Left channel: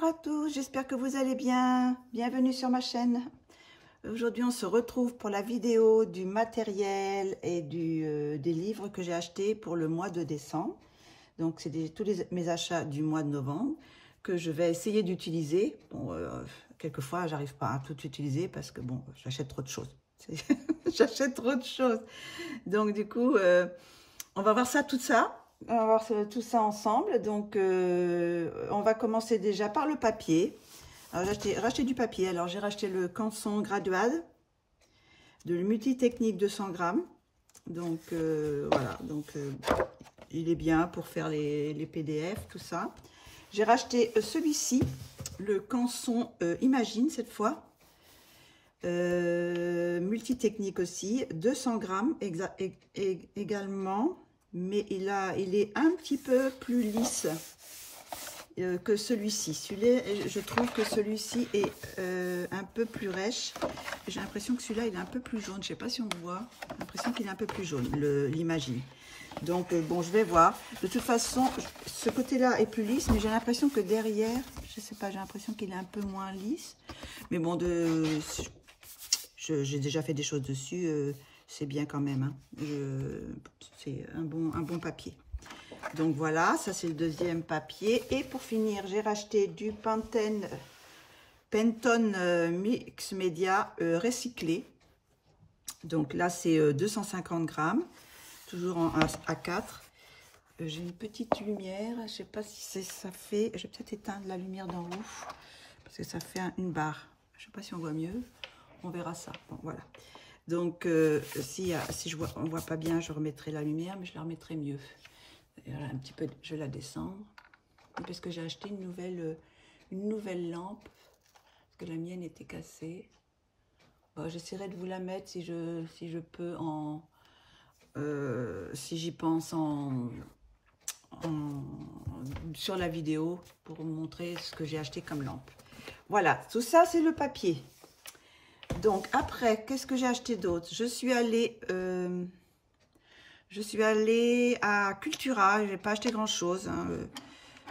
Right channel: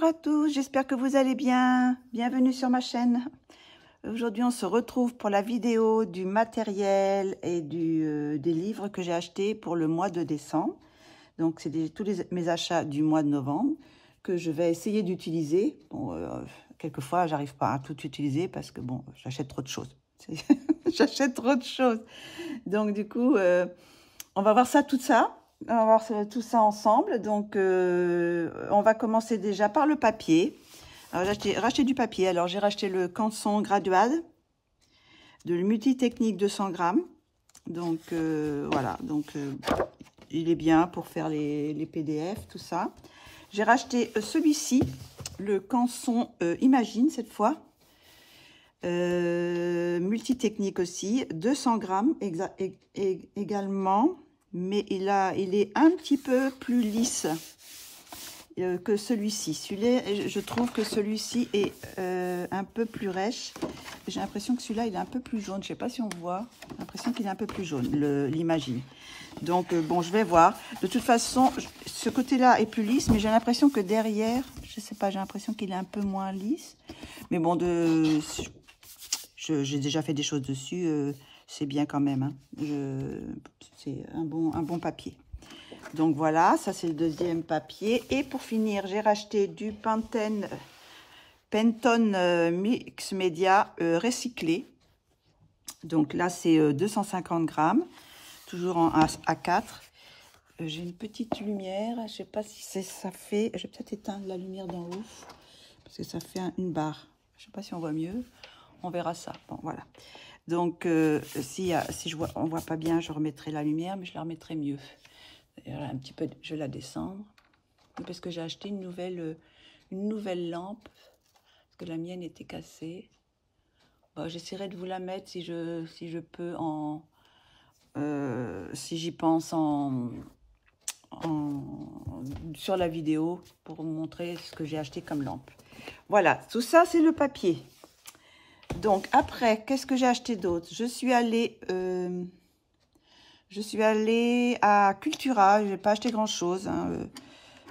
Bonjour à tous, j'espère que vous allez bien. Bienvenue sur ma chaîne. Aujourd'hui, on se retrouve pour la vidéo du matériel et des livres que j'ai achetés pour le mois de décembre. Donc, c'est tous mes achats du mois de novembre que je vais essayer d'utiliser. Bon, quelquefois, j'arrive pas à tout utiliser parce que, bon, j'achète trop de choses. J'achète trop de choses. Donc, du coup, on va voir ça, tout ça. On va voir tout ça ensemble. Donc, on va commencer déjà par le papier. Alors, j'ai racheté du papier. Alors, j'ai racheté le Canson Graduade de Multitechnique 200 grammes. Donc, voilà. Donc, il est bien pour faire les PDF, tout ça. J'ai racheté celui-ci, le Canson Imagine, cette fois. Multitechnique aussi, 200 grammes également. Mais il est un petit peu plus lisse que celui-ci. Je trouve que celui-ci est un peu plus rêche. J'ai l'impression que celui-là, il est un peu plus jaune. Je ne sais pas si on voit. J'ai l'impression qu'il est un peu plus jaune, l'Imagine. Donc, bon, je vais voir. De toute façon, ce côté-là est plus lisse, mais j'ai l'impression que derrière, je ne sais pas, j'ai l'impression qu'il est un peu moins lisse. Mais bon, j'ai déjà fait des choses dessus. C'est bien quand même. Hein. C'est un bon papier. Donc voilà, ça c'est le deuxième papier. Et pour finir, j'ai racheté du Pantone Mix Media recyclé. Donc là, c'est 250 grammes, toujours en A4. J'ai une petite lumière, je ne sais pas si ça fait... Je vais peut-être éteindre la lumière d'en haut, parce que ça fait une barre. Je ne sais pas si on voit mieux. On verra ça. Bon, voilà. Donc, si on ne voit pas bien, je remettrai la lumière, mais je la remettrai mieux. Voilà, un petit peu, je la descends. Parce que j'ai acheté une nouvelle lampe, parce que la mienne était cassée. Bon, j'essaierai de vous la mettre si je peux, si j'y pense sur la vidéo, pour vous montrer ce que j'ai acheté comme lampe. Voilà, tout ça, c'est le papier. Donc, après, qu'est-ce que j'ai acheté d'autre? Je suis allée à Cultura. Je n'ai pas acheté grand-chose. Hein,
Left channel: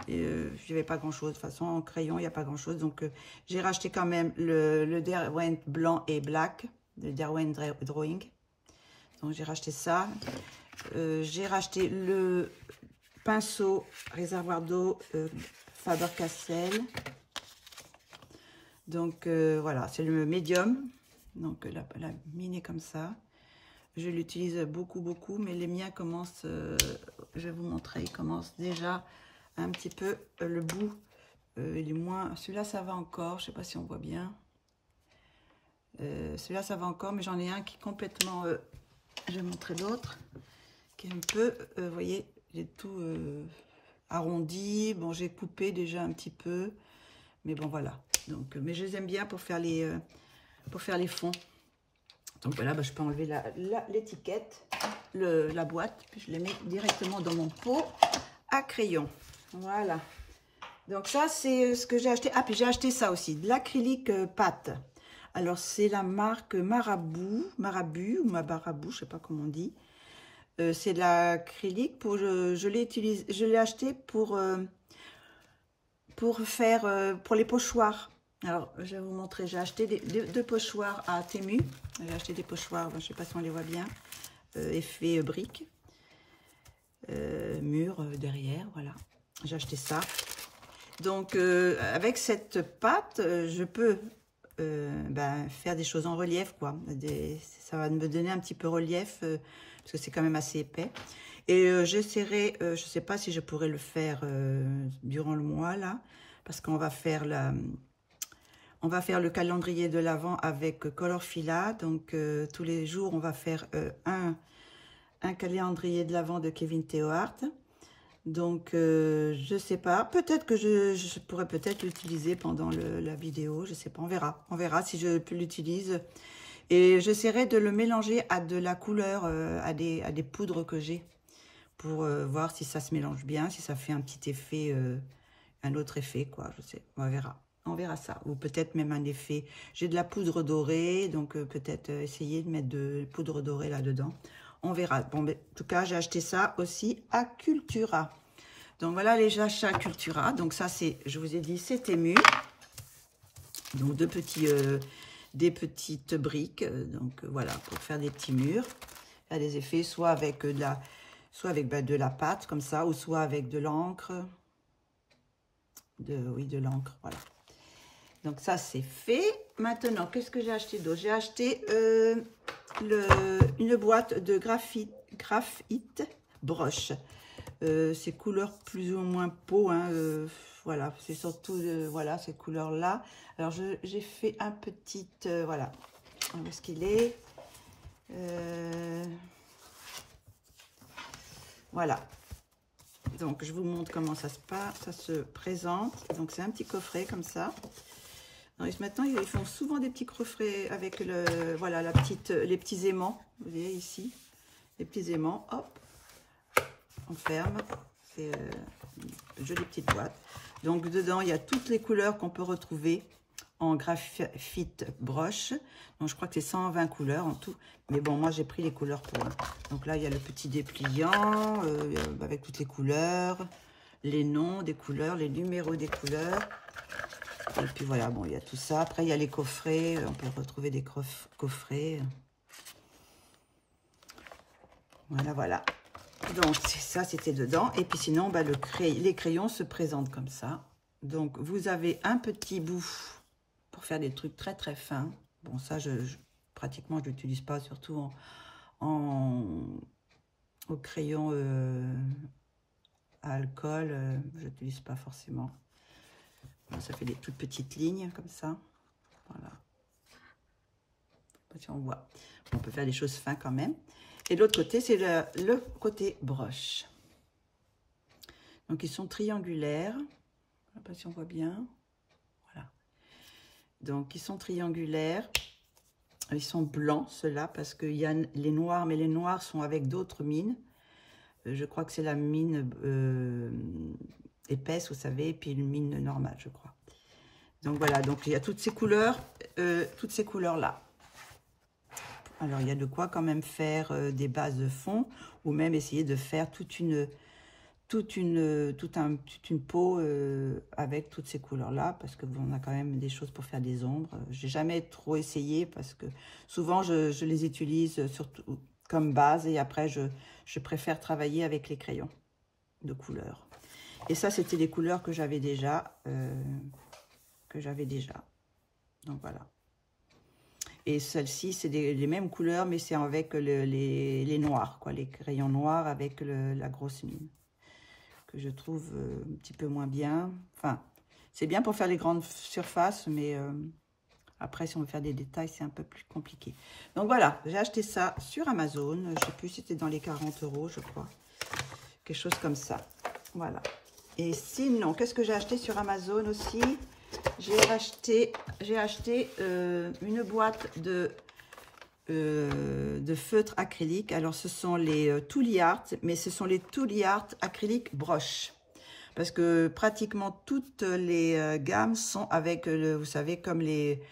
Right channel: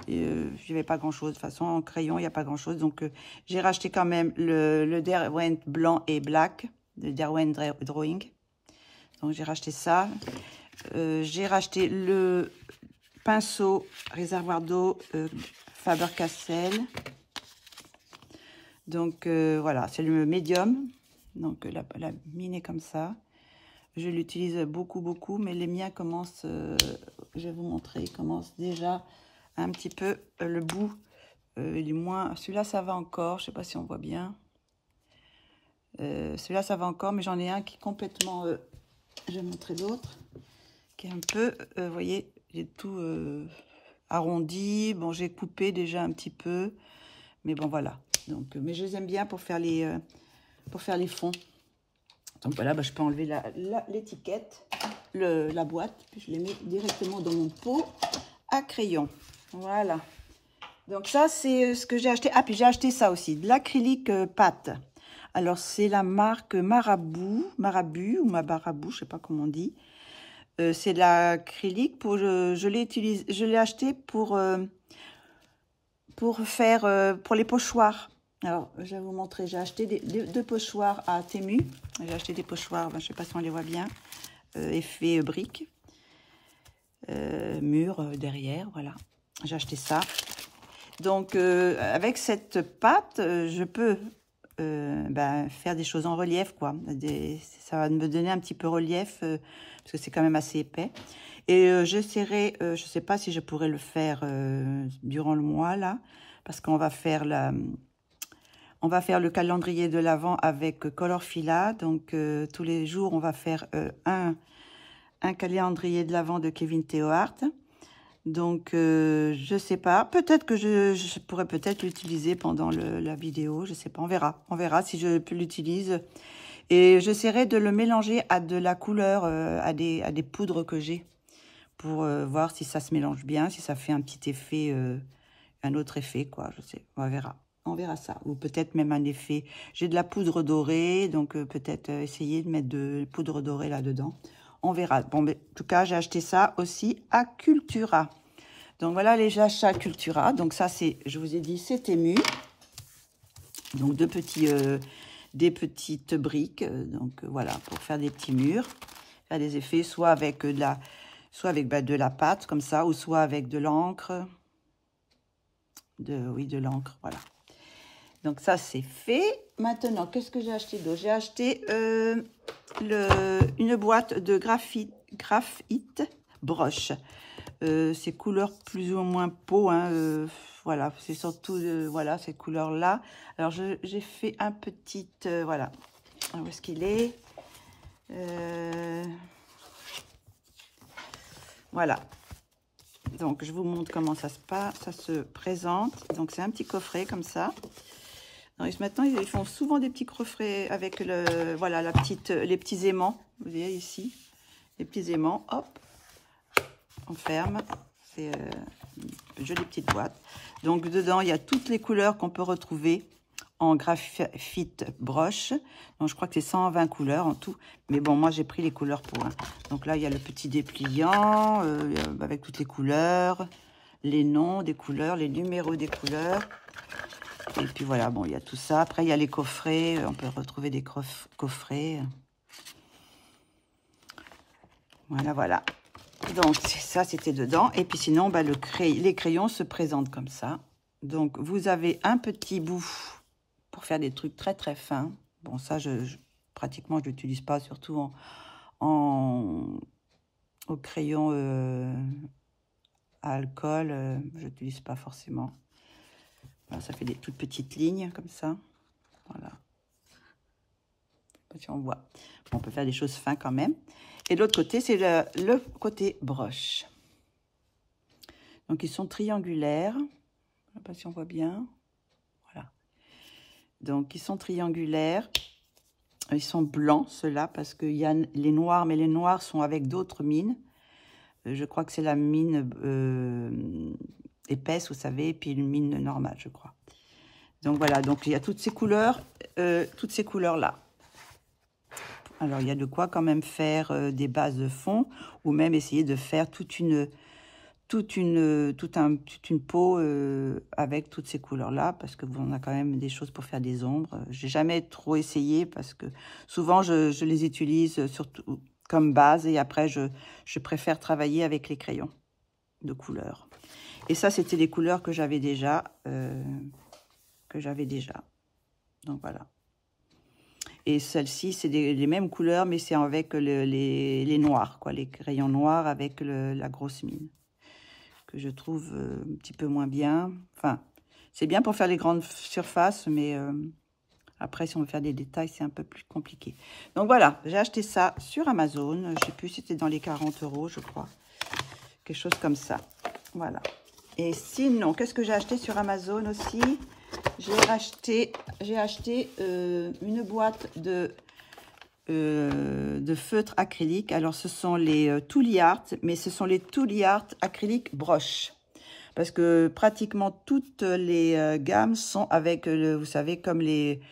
je n'avais pas grand-chose. De toute façon, en crayon, il n'y a pas grand-chose. Donc, j'ai racheté quand même le Derwent blanc et black, le Derwent Drawing. Donc, j'ai racheté ça. J'ai racheté le pinceau réservoir d'eau Faber-Castell. Donc, voilà, c'est le médium. Donc, la mine est comme ça. Je l'utilise beaucoup, mais les miens commencent, je vais vous montrer, ils commencent déjà un petit peu, le bout, il est moins, celui-là, ça va encore, je ne sais pas si on voit bien. Celui-là, ça va encore, mais j'en ai un qui est complètement, je vais montrer l'autre, qui est un peu, vous voyez, il est tout arrondi. Bon, j'ai coupé déjà un petit peu, mais bon, voilà. Donc, mais je les aime bien pour faire les fonds. Donc voilà, bah, je peux enlever l'étiquette, la boîte, puis je les mets directement dans mon pot à crayon. Voilà. Donc ça, c'est ce que j'ai acheté. Ah, puis j'ai acheté ça aussi, de l'acrylique pâte. Alors, c'est la marque Marabu ou Mabarabu, je ne sais pas comment on dit. C'est de l'acrylique. Je l'ai acheté pour faire pour les pochoirs. Alors, je vais vous montrer. J'ai acheté deux pochoirs à Temu. J'ai acheté des pochoirs, ben, je ne sais pas si on les voit bien, effet brique, mur derrière, voilà. J'ai acheté ça. Donc, avec cette pâte, je peux faire des choses en relief, quoi. Ça va me donner un petit peu relief, parce que c'est quand même assez épais. Et j'essaierai, je ne sais pas si je pourrais le faire durant le mois, là, parce qu'on va faire le calendrier de l'Avent avec Colorfila. Donc, tous les jours, on va faire un calendrier de l'Avent de Kevin Theohart. Donc, je ne sais pas. Peut-être que je pourrais peut-être l'utiliser pendant la vidéo. Je ne sais pas. On verra. On verra si je peux l'utiliser. Et j'essaierai de le mélanger à de la couleur, à des poudres que j'ai, pour voir si ça se mélange bien, si ça fait un petit effet, un autre effet, quoi. Je sais. On verra. On verra ça. Ou peut-être même un effet. J'ai de la poudre dorée, donc peut-être essayer de mettre de poudre dorée là-dedans. On verra. Bon, mais, en tout cas, j'ai acheté ça aussi à Cultura. Donc voilà les achats Cultura. Donc ça c'est, je vous ai dit, c'est Temu. Donc des petites briques. Donc voilà, pour faire des petits murs. Faire des effets, soit avec de la pâte comme ça, ou soit avec de l'encre. Oui, de l'encre, voilà. Donc ça c'est fait. Maintenant, qu'est-ce que j'ai acheté d'autre? J'ai acheté une boîte de graphite broche. Ces couleurs plus ou moins peau, hein, voilà, c'est surtout voilà, ces couleurs là. Alors j'ai fait un petit voilà, où est-ce qu'il est, voilà. Donc je vous montre comment ça se présente. Donc c'est un petit coffret comme ça. Donc, maintenant ils font souvent des petits coffrets avec voilà, les petits aimants, vous voyez ici, les petits aimants, hop, on ferme. C'est une jolie petite boîte. Donc dedans il y a toutes les couleurs qu'on peut retrouver en graphite broche. Donc je crois que c'est 120 couleurs en tout, mais bon, moi j'ai pris les couleurs pour un. Donc là il y a le petit dépliant avec toutes les couleurs, les noms des couleurs, les numéros des couleurs, et puis voilà, bon, il y a tout ça. Après il y a les coffrets, on peut retrouver des coffrets, voilà. Donc ça c'était dedans. Et puis sinon bah, les crayons se présentent comme ça. Donc vous avez un petit bout pour faire des trucs très très fins. Bon, ça pratiquement je l'utilise pas, surtout au crayon à alcool, je l'utilise pas forcément. Voilà, ça fait des toutes petites lignes comme ça. Voilà. Je sais pas si on voit. On peut faire des choses fins quand même. Et de l'autre côté, c'est le côté broche. Donc ils sont triangulaires. Je ne sais pas si on voit bien. Voilà. Donc ils sont triangulaires. Ils sont blancs, ceux-là, parce qu'il y a les noirs, mais les noirs sont avec d'autres mines. Je crois que c'est la mine épaisse, vous savez, et puis une mine normale, je crois. Donc voilà, donc il y a toutes ces couleurs là. Alors il y a de quoi quand même faire des bases de fond, ou même essayer de faire toute une peau avec toutes ces couleurs là, parce que bon, on a quand même des choses pour faire des ombres. J'ai jamais trop essayé parce que souvent je les utilise surtout comme base, et après je préfère travailler avec les crayons de couleur. Et ça c'était les couleurs que j'avais déjà, donc voilà. Et celle-ci c'est les mêmes couleurs, mais c'est avec les noirs, quoi, les crayons noirs avec la grosse mine, que je trouve un petit peu moins bien. Enfin, c'est bien pour faire les grandes surfaces, mais après, si on veut faire des détails, c'est un peu plus compliqué. Donc voilà, j'ai acheté ça sur Amazon. Je ne sais plus si c'était dans les 40 €, je crois. Quelque chose comme ça. Voilà. Et sinon, qu'est-ce que j'ai acheté sur Amazon aussi? J'ai acheté une boîte de feutres acryliques. Alors, ce sont les Tooly Art, mais ce sont les Tooly Art acryliques broche. Parce que pratiquement toutes les gammes sont avec, vous savez, comme les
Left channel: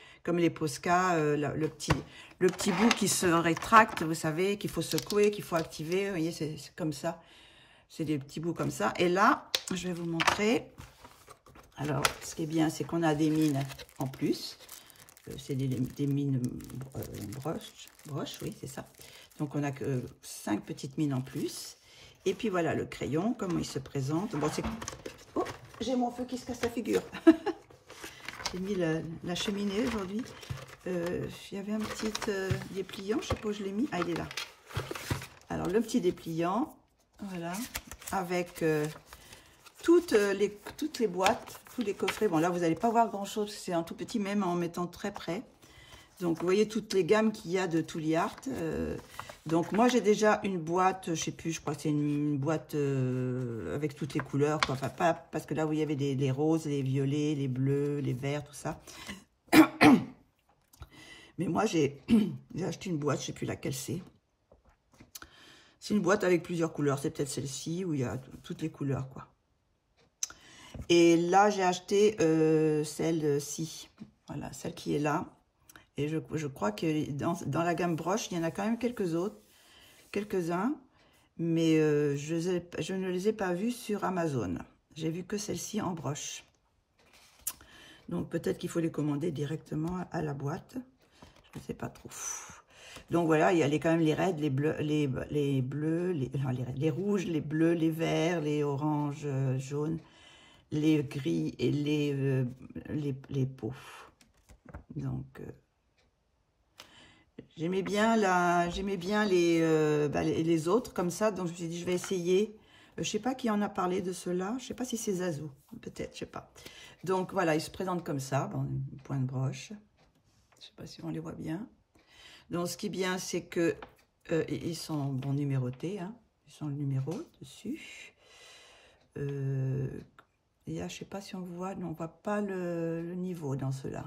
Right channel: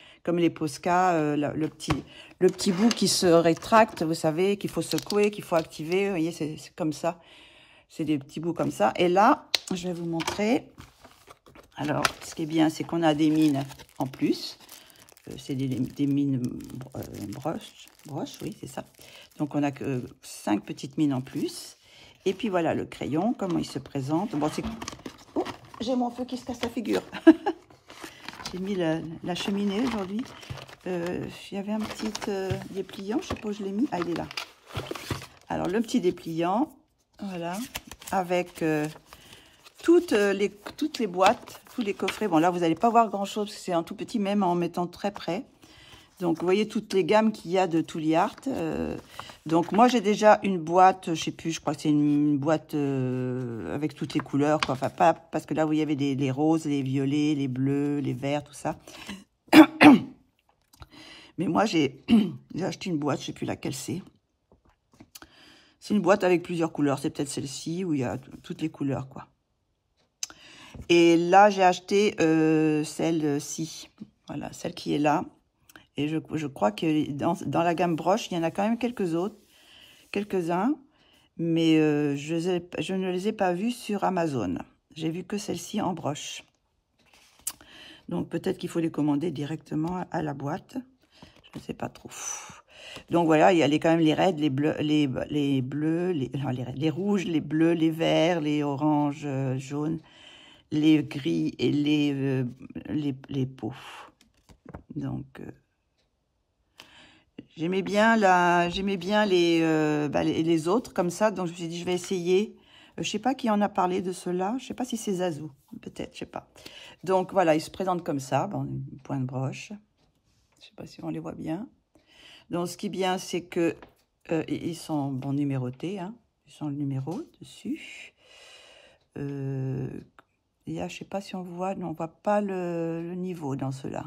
Posca, le petit bout qui se rétracte, vous savez, qu'il faut secouer, qu'il faut activer. Vous voyez, c'est comme ça. C'est des petits bouts comme ça. Et là, je vais vous montrer. Alors, ce qui est bien, c'est qu'on a des mines en plus. C'est des mines broche, oui, c'est ça. Donc, on a que 5 petites mines en plus. Et puis, voilà le crayon, comment il se présente. Bon, c'est... Oh, j'ai mon feu qui se casse la figure. J'ai mis la cheminée aujourd'hui. Il y avait un petit dépliant, je sais pas où je l'ai mis. Ah, il est là. Alors, le petit dépliant, voilà, avec toutes les boîtes, tous les coffrets. Bon, là, vous n'allez pas voir grand-chose, c'est un tout petit, même en mettant très près. Donc, vous voyez toutes les gammes qu'il y a de Tooly Art. Donc, moi, j'ai déjà une boîte, je sais plus, je crois que c'est une boîte avec toutes les couleurs, quoi. Enfin, pas, parce que là, vous y avez les roses, les violets, les bleus, les verts, tout ça. Mais moi, j'ai acheté une boîte, je sais plus laquelle c'est. C'est une boîte avec plusieurs couleurs. C'est peut-être celle-ci où il y a toutes les couleurs, quoi. Et là, j'ai acheté celle-ci. Voilà, celle qui est là. Et je crois que dans la gamme broche, il y en a quand même quelques-uns. Mais je ne les ai pas vus sur Amazon. J'ai vu que celle-ci en broche. Donc, peut-être qu'il faut les commander directement à la boîte. Je ne sais pas trop. Donc, voilà, il y a quand même les raides, les bleus, les rouges, les bleus, les verts, les oranges, jaunes, les gris et les peaux. Donc, j'aimais bien les autres comme ça. Donc, je me suis dit, je vais essayer. Je ne sais pas qui en a parlé de cela. Je ne sais pas si c'est Zazou. Peut-être, je ne sais pas. Donc, voilà, ils se présentent comme ça. Bon, point de broche. Je ne sais pas si on les voit bien. Donc, ce qui est bien, c'est que ils sont bon, numérotés. Hein. Ils sont le numéro dessus. Il y a, je ne sais pas si on voit. Non, on ne voit pas le niveau dans ceux-là.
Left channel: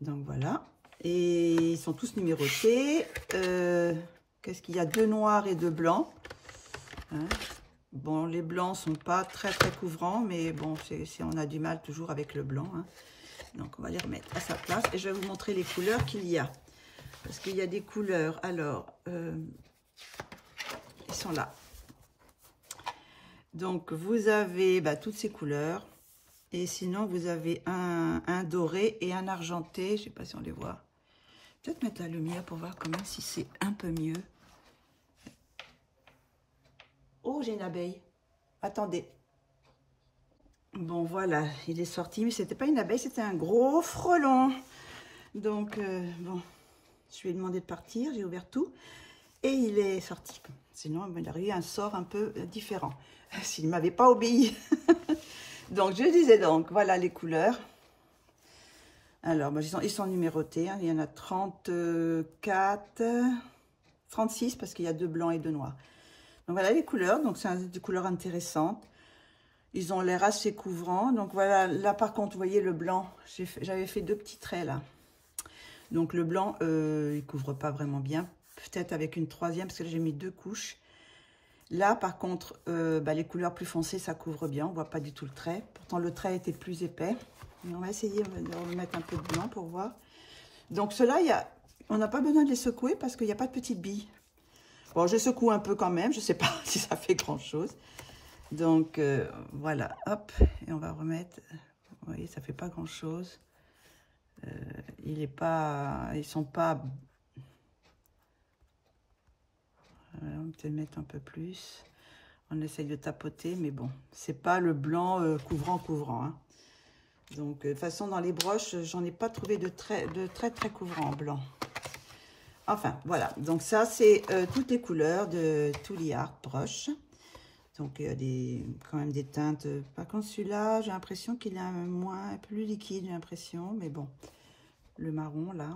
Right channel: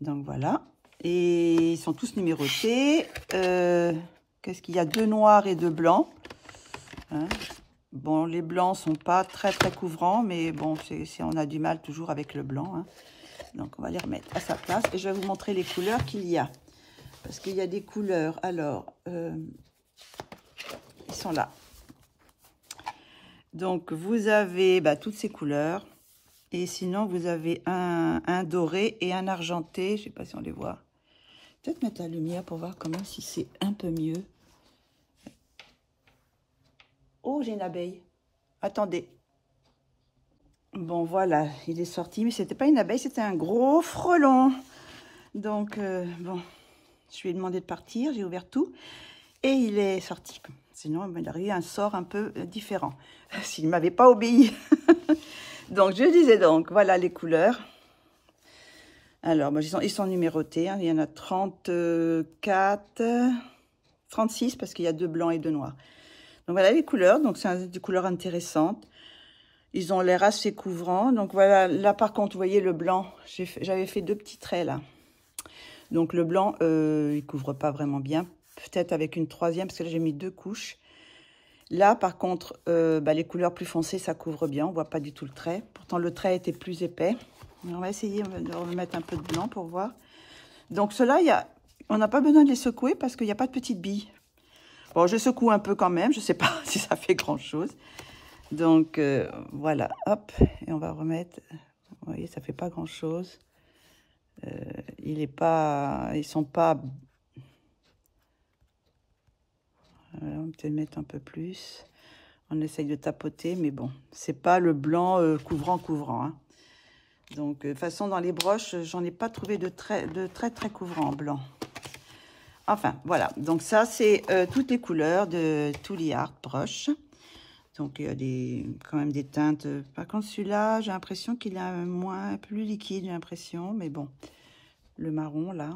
Donc, voilà. Et ils sont tous numérotés. Qu'est-ce qu'il y a? 2 noirs et 2 blancs. Hein. Bon, les blancs sont pas très couvrants, mais bon, on a du mal toujours avec le blanc. Hein. Donc, on va les remettre à sa place. Et je vais vous montrer les couleurs qu'il y a. Parce qu'il y a des couleurs. Alors, ils sont là. Donc, vous avez toutes ces couleurs. Et sinon, vous avez un doré et un argenté. Je ne sais pas si on les voit. Peut-être mettre la lumière pour voir quand même si c'est un peu mieux. Oh, j'ai une abeille. Attendez. Bon, voilà, il est sorti. Mais c'était pas une abeille, c'était un gros frelon. Donc, bon, je lui ai demandé de partir. J'ai ouvert tout. Et il est sorti. Sinon, il m'aurait un sort un peu différent. S'il ne m'avait pas obéi. Donc, je disais donc, voilà les couleurs. Alors, ils sont numérotés. Hein. Il y en a 34, 36 parce qu'il y a 2 blancs et 2 noirs. Donc, voilà les couleurs. Donc, c'est des couleurs intéressantes. Ils ont l'air assez couvrants. Donc, voilà. Là, par contre, vous voyez le blanc. J'avais fait 2 petits traits, là. Donc, le blanc, il ne couvre pas vraiment bien. Peut-être avec une 3e, parce que là, j'ai mis 2 couches. Là, par contre, les couleurs plus foncées, ça couvre bien. On ne voit pas du tout le trait. Pourtant, le trait était plus épais. Mais on va essayer de remettre un peu de blanc pour voir. Donc, ceux-là, on n'a pas besoin de les secouer parce qu'il n'y a pas de petites billes. Bon, je secoue un peu quand même. Je ne sais pas si ça fait grand-chose. Donc, voilà. Hop. Et on va remettre. Vous voyez, ça ne fait pas grand-chose. Ils sont pas... Voilà, on peut peut-être mettre un peu plus. On essaye de tapoter, mais bon, c'est pas le blanc couvrant. Hein. Donc, de toute façon, dans les broches, j'en ai pas trouvé de très couvrant en blanc. Enfin, voilà. Donc, ça, c'est toutes les couleurs de Tooly Art broche. Donc, il y a quand même des teintes. Par contre, celui-là, j'ai l'impression qu'il est plus liquide, j'ai l'impression. Mais bon, le marron, là.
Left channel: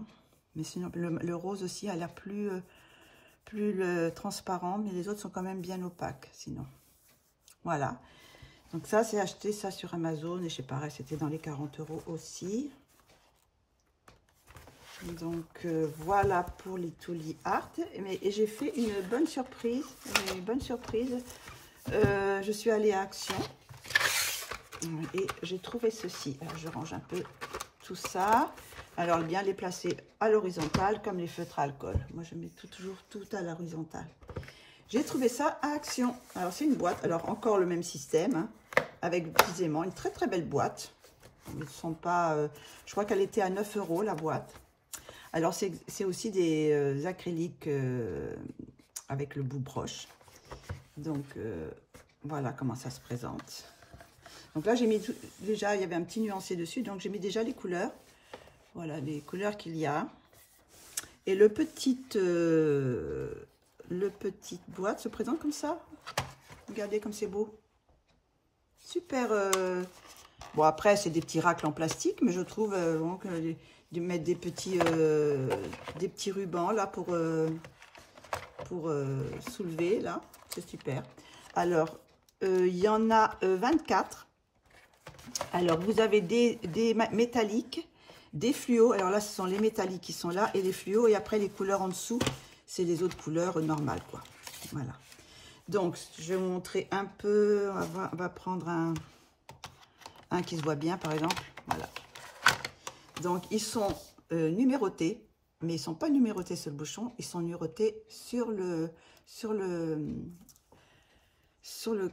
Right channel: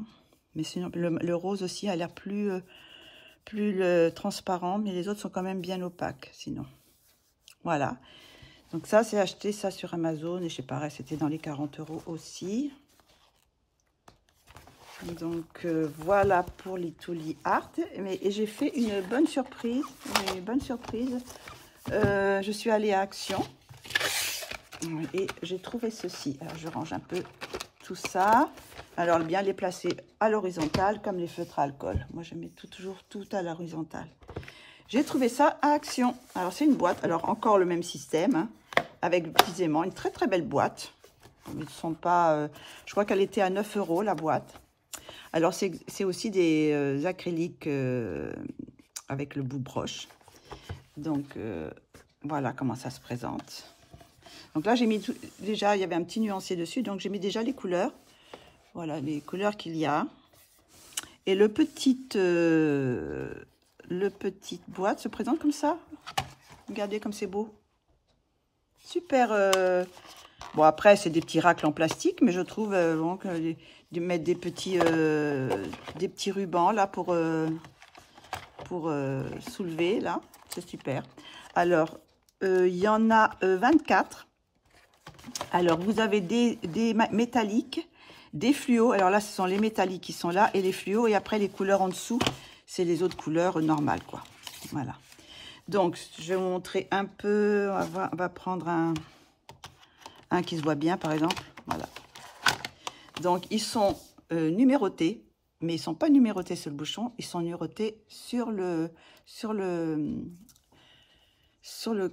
Mais sinon, le rose aussi a l'air plus transparent, mais les autres sont quand même bien opaques, sinon. Voilà. Donc ça, c'est acheté ça sur Amazon, et je sais pas, c'était dans les 40 € aussi. Donc, voilà pour les Tooly Art. Et j'ai fait une bonne surprise. Je suis allée à Action, et j'ai trouvé ceci. Alors, je range un peu tout ça. Alors, bien les placer à l'horizontale, comme les feutres à alcool. Moi, je mets toujours tout à l'horizontale. J'ai trouvé ça à Action. Alors, c'est une boîte. Alors, encore le même système, hein, avec précisément une très belle boîte. Ils ne sont pas... je crois qu'elle était à 9 € la boîte. Alors, c'est aussi des acryliques avec le bout broche. Donc, voilà comment ça se présente. Donc là, j'ai mis déjà, il y avait un petit nuancier dessus. Donc, j'ai mis déjà les couleurs. Voilà les couleurs qu'il y a. Et le petite boîte se présente comme ça. Regardez comme c'est beau. Super. Bon, après, c'est des petits racles en plastique, mais je trouve bon, de mettre des petits rubans là pour soulever là. C'est super. Alors, il y en a 24. Alors, vous avez des métalliques. Des fluos, alors là, ce sont les métalliques qui sont là, et les fluos, et après, les couleurs en dessous, c'est les autres couleurs normales, quoi. Voilà. Donc, je vais vous montrer un peu, on va prendre un qui se voit bien, par exemple. Voilà. Donc, ils sont numérotés. mais ils ne sont pas numérotés sur le bouchon, ils sont numérotés sur le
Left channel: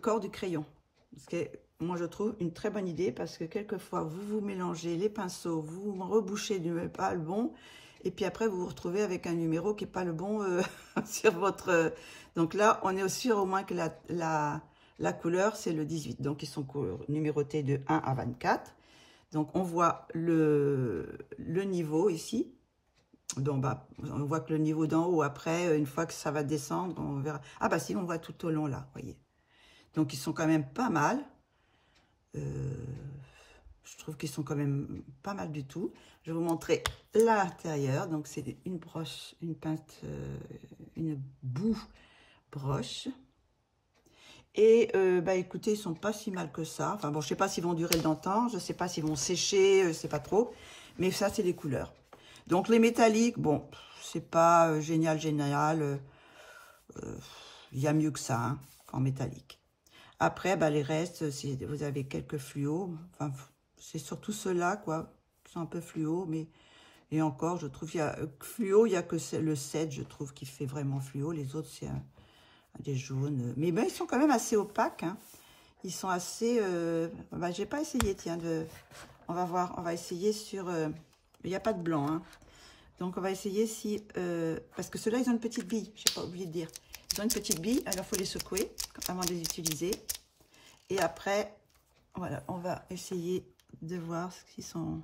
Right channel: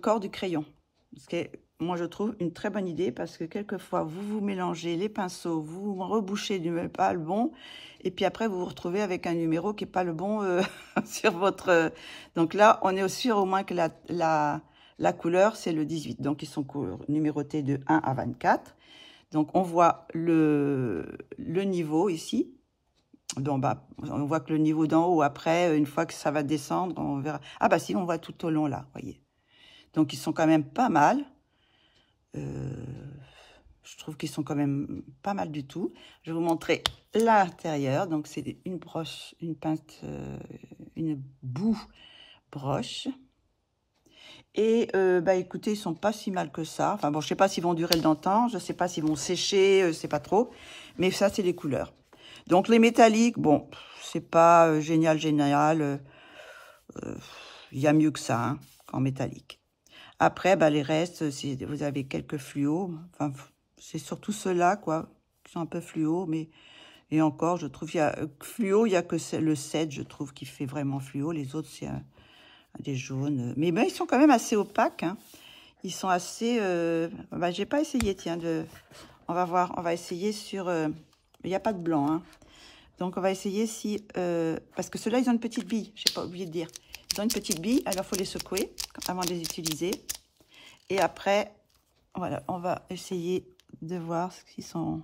corps du crayon. Ce qui est, moi, je trouve une très bonne idée parce que quelquefois, vous mélangez les pinceaux, vous rebouchez du même pas le bon, et puis après, vous vous retrouvez avec un numéro qui n'est pas le bon sur votre... Donc là, on est sûr au moins que la couleur, c'est le 18. Donc, ils sont numérotés de 1 à 24. Donc, on voit le niveau ici. Donc, bah, on voit que le niveau d'en haut, après, une fois que ça va descendre, on verra. Ah bah si, on voit tout au long là, voyez. Donc, ils sont quand même pas mal. Je trouve qu'ils sont quand même pas mal du tout. Je vais vous montrer l'intérieur. Donc, c'est une broche, une boue broche. Et, bah, écoutez, ils sont pas si mal que ça. Enfin, bon, je sais pas s'ils vont durer dans le temps. Je sais pas s'ils vont sécher, je sais pas trop. Mais ça, c'est les couleurs. Donc, les métalliques, bon, c'est pas génial. Il y a mieux que ça, hein, en métallique. Après, bah, les restes, vous avez quelques fluos. Enfin, c'est surtout ceux-là, quoi, qui sont un peu fluo. Mais, et encore, je trouve, fluo, il n'y a que le 7, je trouve, qui fait vraiment fluo. Les autres, c'est des jaunes. Mais ben, ils sont quand même assez opaques. Hein. Ils sont assez... bah, j'ai pas essayé, tiens, on va voir, on va essayer sur... il n'y a pas de blanc, hein. Donc, on va essayer si... parce que ceux-là, ils ont une petite bille. Je n'ai pas oublié de dire. Ils ont une petite bille, alors il faut les secouer avant de les utiliser. Et après, voilà, on va essayer de voir ce qu'ils sont...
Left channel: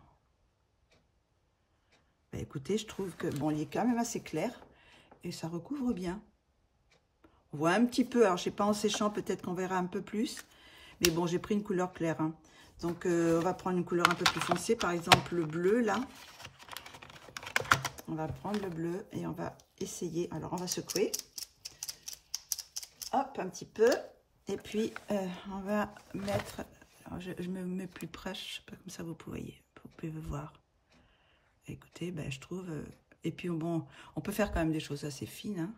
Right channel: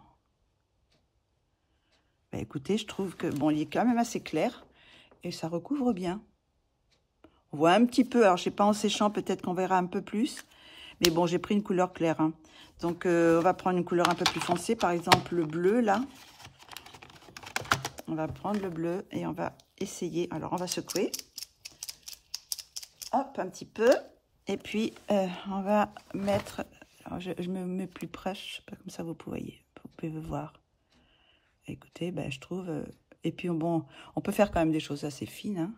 Bah, écoutez, je trouve que, bon, il est quand même assez clair et ça recouvre bien. On voit un petit peu, alors je sais pas en séchant, peut-être qu'on verra un peu plus. Mais bon, j'ai pris une couleur claire. Hein. Donc, on va prendre une couleur un peu plus foncée, par exemple le bleu, là. On va prendre le bleu et on va essayer. Alors, on va secouer. Hop, un petit peu. Et puis, on va mettre... Alors, je me mets plus près, je sais pas, comme ça vous pouvez voir. Écoutez, ben, je trouve... et puis, bon, on peut faire quand même des choses assez fines. Hein,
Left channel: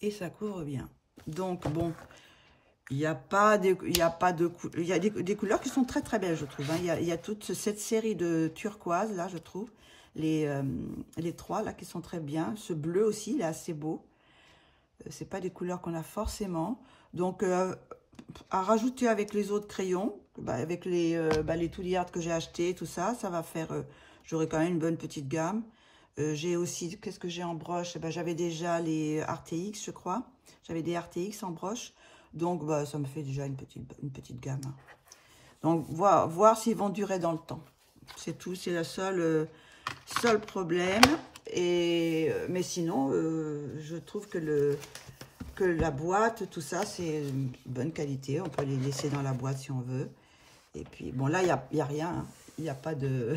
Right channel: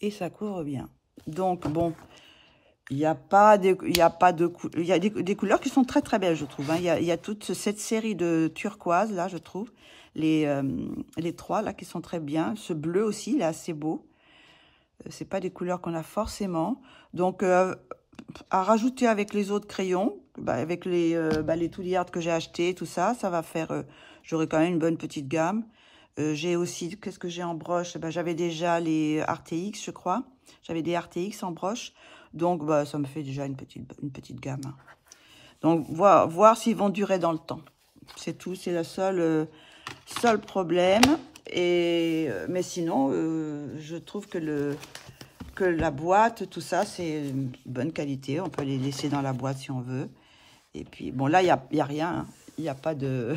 et ça couvre bien. Donc, bon, il y a des couleurs qui sont très, très belles, je trouve. Hein. Il y a toute cette série de turquoise, là, je trouve. Les 3, là, qui sont très bien. Ce bleu aussi, il est assez beau. C'est pas des couleurs qu'on a forcément. Donc, à rajouter avec les autres crayons, bah, avec les Toolyard que j'ai acheté, tout ça, ça va faire... j'aurai quand même une bonne petite gamme. J'ai aussi... Qu'est-ce que j'ai en broche? Bah, j'avais déjà les RTX, je crois. J'avais des RTX en broche. Donc, bah, ça me fait déjà une petite gamme. Hein. Donc, voir s'ils vont durer dans le temps. C'est tout. C'est le seul problème. Mais sinon, je trouve que la boîte, tout ça, c'est bonne qualité. On peut les laisser dans la boîte si on veut. Et puis, bon, là, il n'y a rien. Hein. Il n'y a pas de...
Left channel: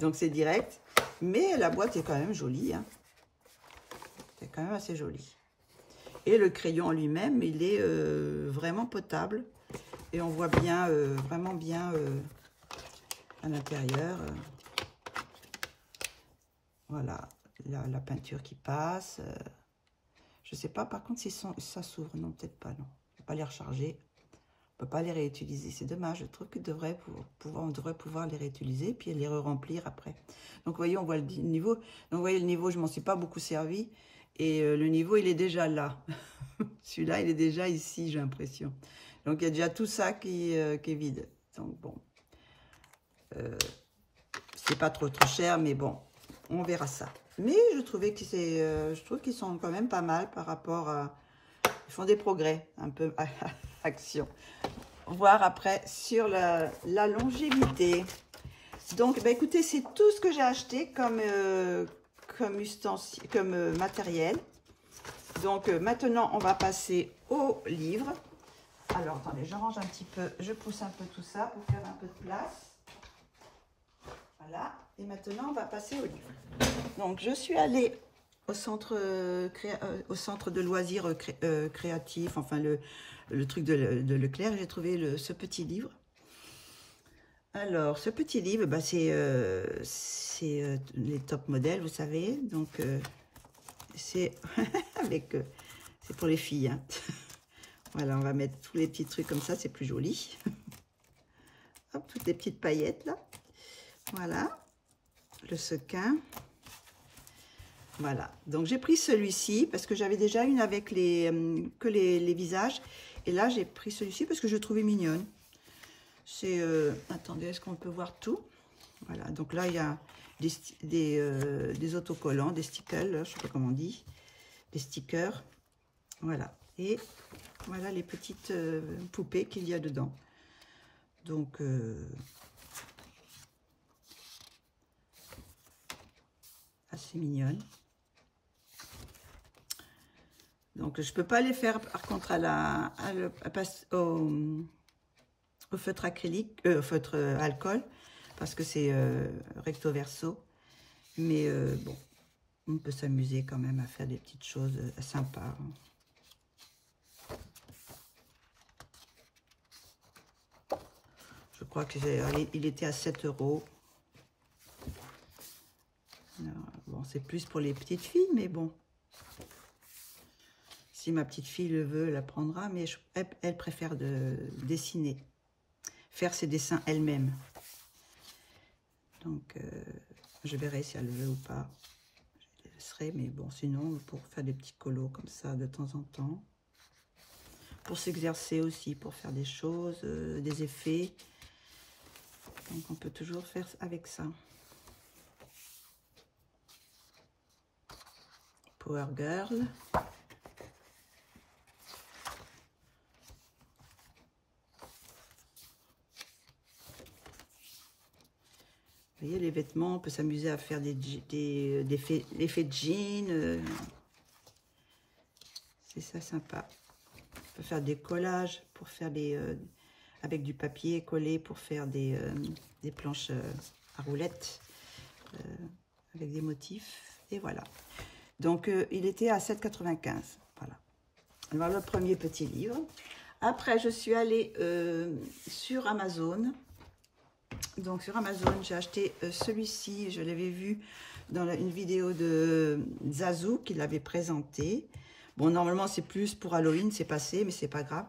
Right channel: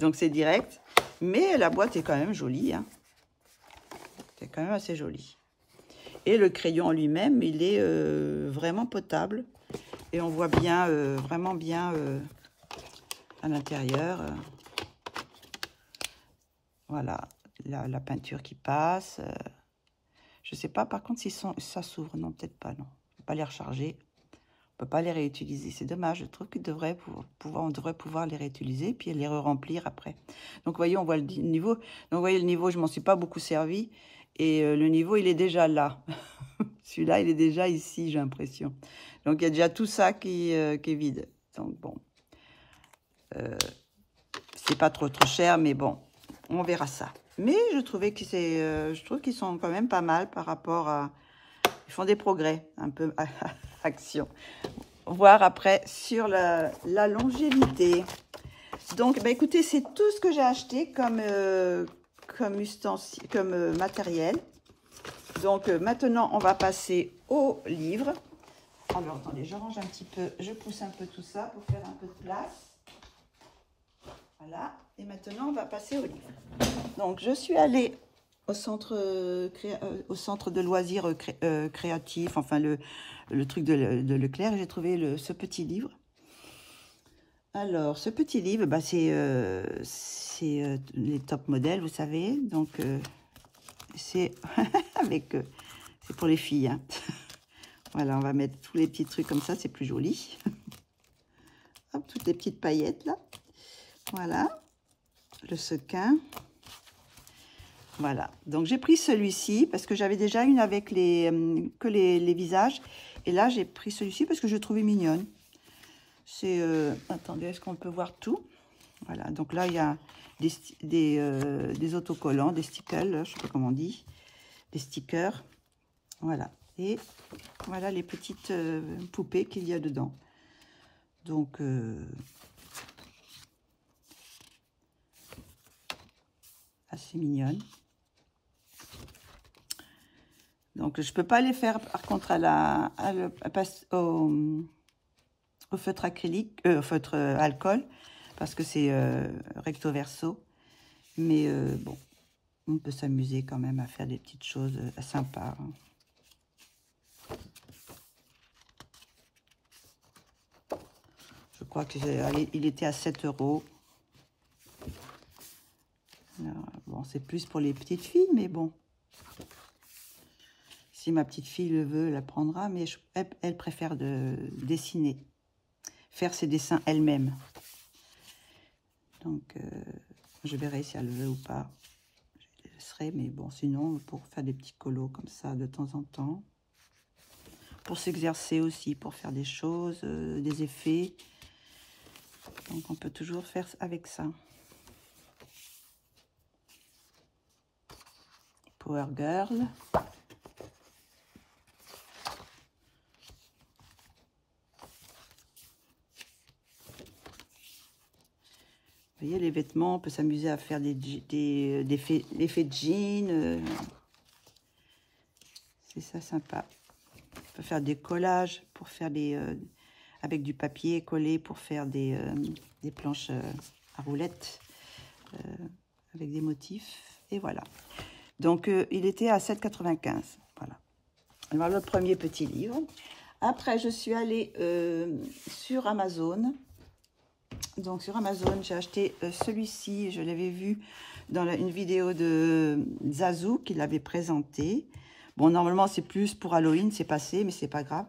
Donc, c'est direct. Mais la boîte est quand même jolie. Hein. C'est quand même assez joli. Et le crayon en lui-même, il est vraiment potable. Et on voit bien, vraiment bien à l'intérieur. Voilà, la peinture qui passe. Je ne sais pas, par contre, si ça s'ouvre. Non, peut-être pas, non. Je ne vais pas les recharger. On ne peut pas les réutiliser. C'est dommage. Je trouve qu'on devrait pouvoir les réutiliser puis les remplir après. Donc, vous voyez, on voit le niveau. Donc, vous voyez, le niveau, je ne m'en suis pas beaucoup servi. Et le niveau, il est déjà là. Celui-là, il est déjà ici, j'ai l'impression. Donc, il y a déjà tout ça qui est vide. Donc, bon. C'est pas trop cher, mais bon, on verra ça. Mais je trouvais que je trouve qu'ils sont quand même pas mal par rapport à... Ils font des progrès, un peu, à action. Voir après sur la longévité. Donc, bah, écoutez, c'est tout ce que j'ai acheté comme matériel. Donc, maintenant, on va passer au livre. Alors, attendez, je range un petit peu, je pousse un peu tout ça pour faire un peu de place. Voilà. Et maintenant, on va passer au livre. Donc, je suis allée au centre de loisirs créatifs, enfin, le truc de Leclerc. J'ai trouvé ce petit livre. Alors, ce petit livre, bah, c'est les top modèles, vous savez. Donc, c'est c'est pour les filles. Hein. Voilà, on va mettre tous les petits trucs comme ça, c'est plus joli. Hop, toutes les petites paillettes là. Voilà, le sequin. Voilà, donc j'ai pris celui-ci parce que j'avais déjà une avec les visages. Et là, j'ai pris celui-ci parce que je le trouvais mignonne. C'est, attendez, est-ce qu'on peut voir tout? Voilà, donc là, il y a des autocollants, des stickers, je ne sais pas comment on dit, des stickers. Voilà, et voilà les petites poupées qu'il y a dedans. Donc, assez mignonne. Donc, je ne peux pas les faire, par contre, au feutre acrylique, au feutre alcool, parce que c'est recto verso. Mais bon, on peut s'amuser quand même à faire des petites choses sympas. Je crois qu'il était à 7 €. Bon, c'est plus pour les petites filles, mais bon. Si ma petite fille le veut, elle la prendra, mais elle préfère dessiner, faire ses dessins elle-même. Donc, je verrai si elle le veut ou pas. Je laisserai, mais bon, sinon, pour faire des petits colos comme ça de temps en temps. Pour s'exercer aussi, pour faire des choses, des effets. Donc, on peut toujours faire avec ça. Power Girl. Vous voyez, les vêtements, on peut s'amuser à faire des effets de jean. C'est ça sympa. On peut faire des collages pour faire avec du papier collé pour faire des planches à roulettes avec des motifs. Et voilà. Donc, il était à 7,95 €. Voilà. Alors, le premier petit livre. Après, je suis allée sur Amazon. Donc, sur Amazon, j'ai acheté celui-ci. Je l'avais vu dans une vidéo de Zazu qui l'avait présenté. Bon, normalement, c'est plus pour Halloween, c'est passé, mais c'est pas grave.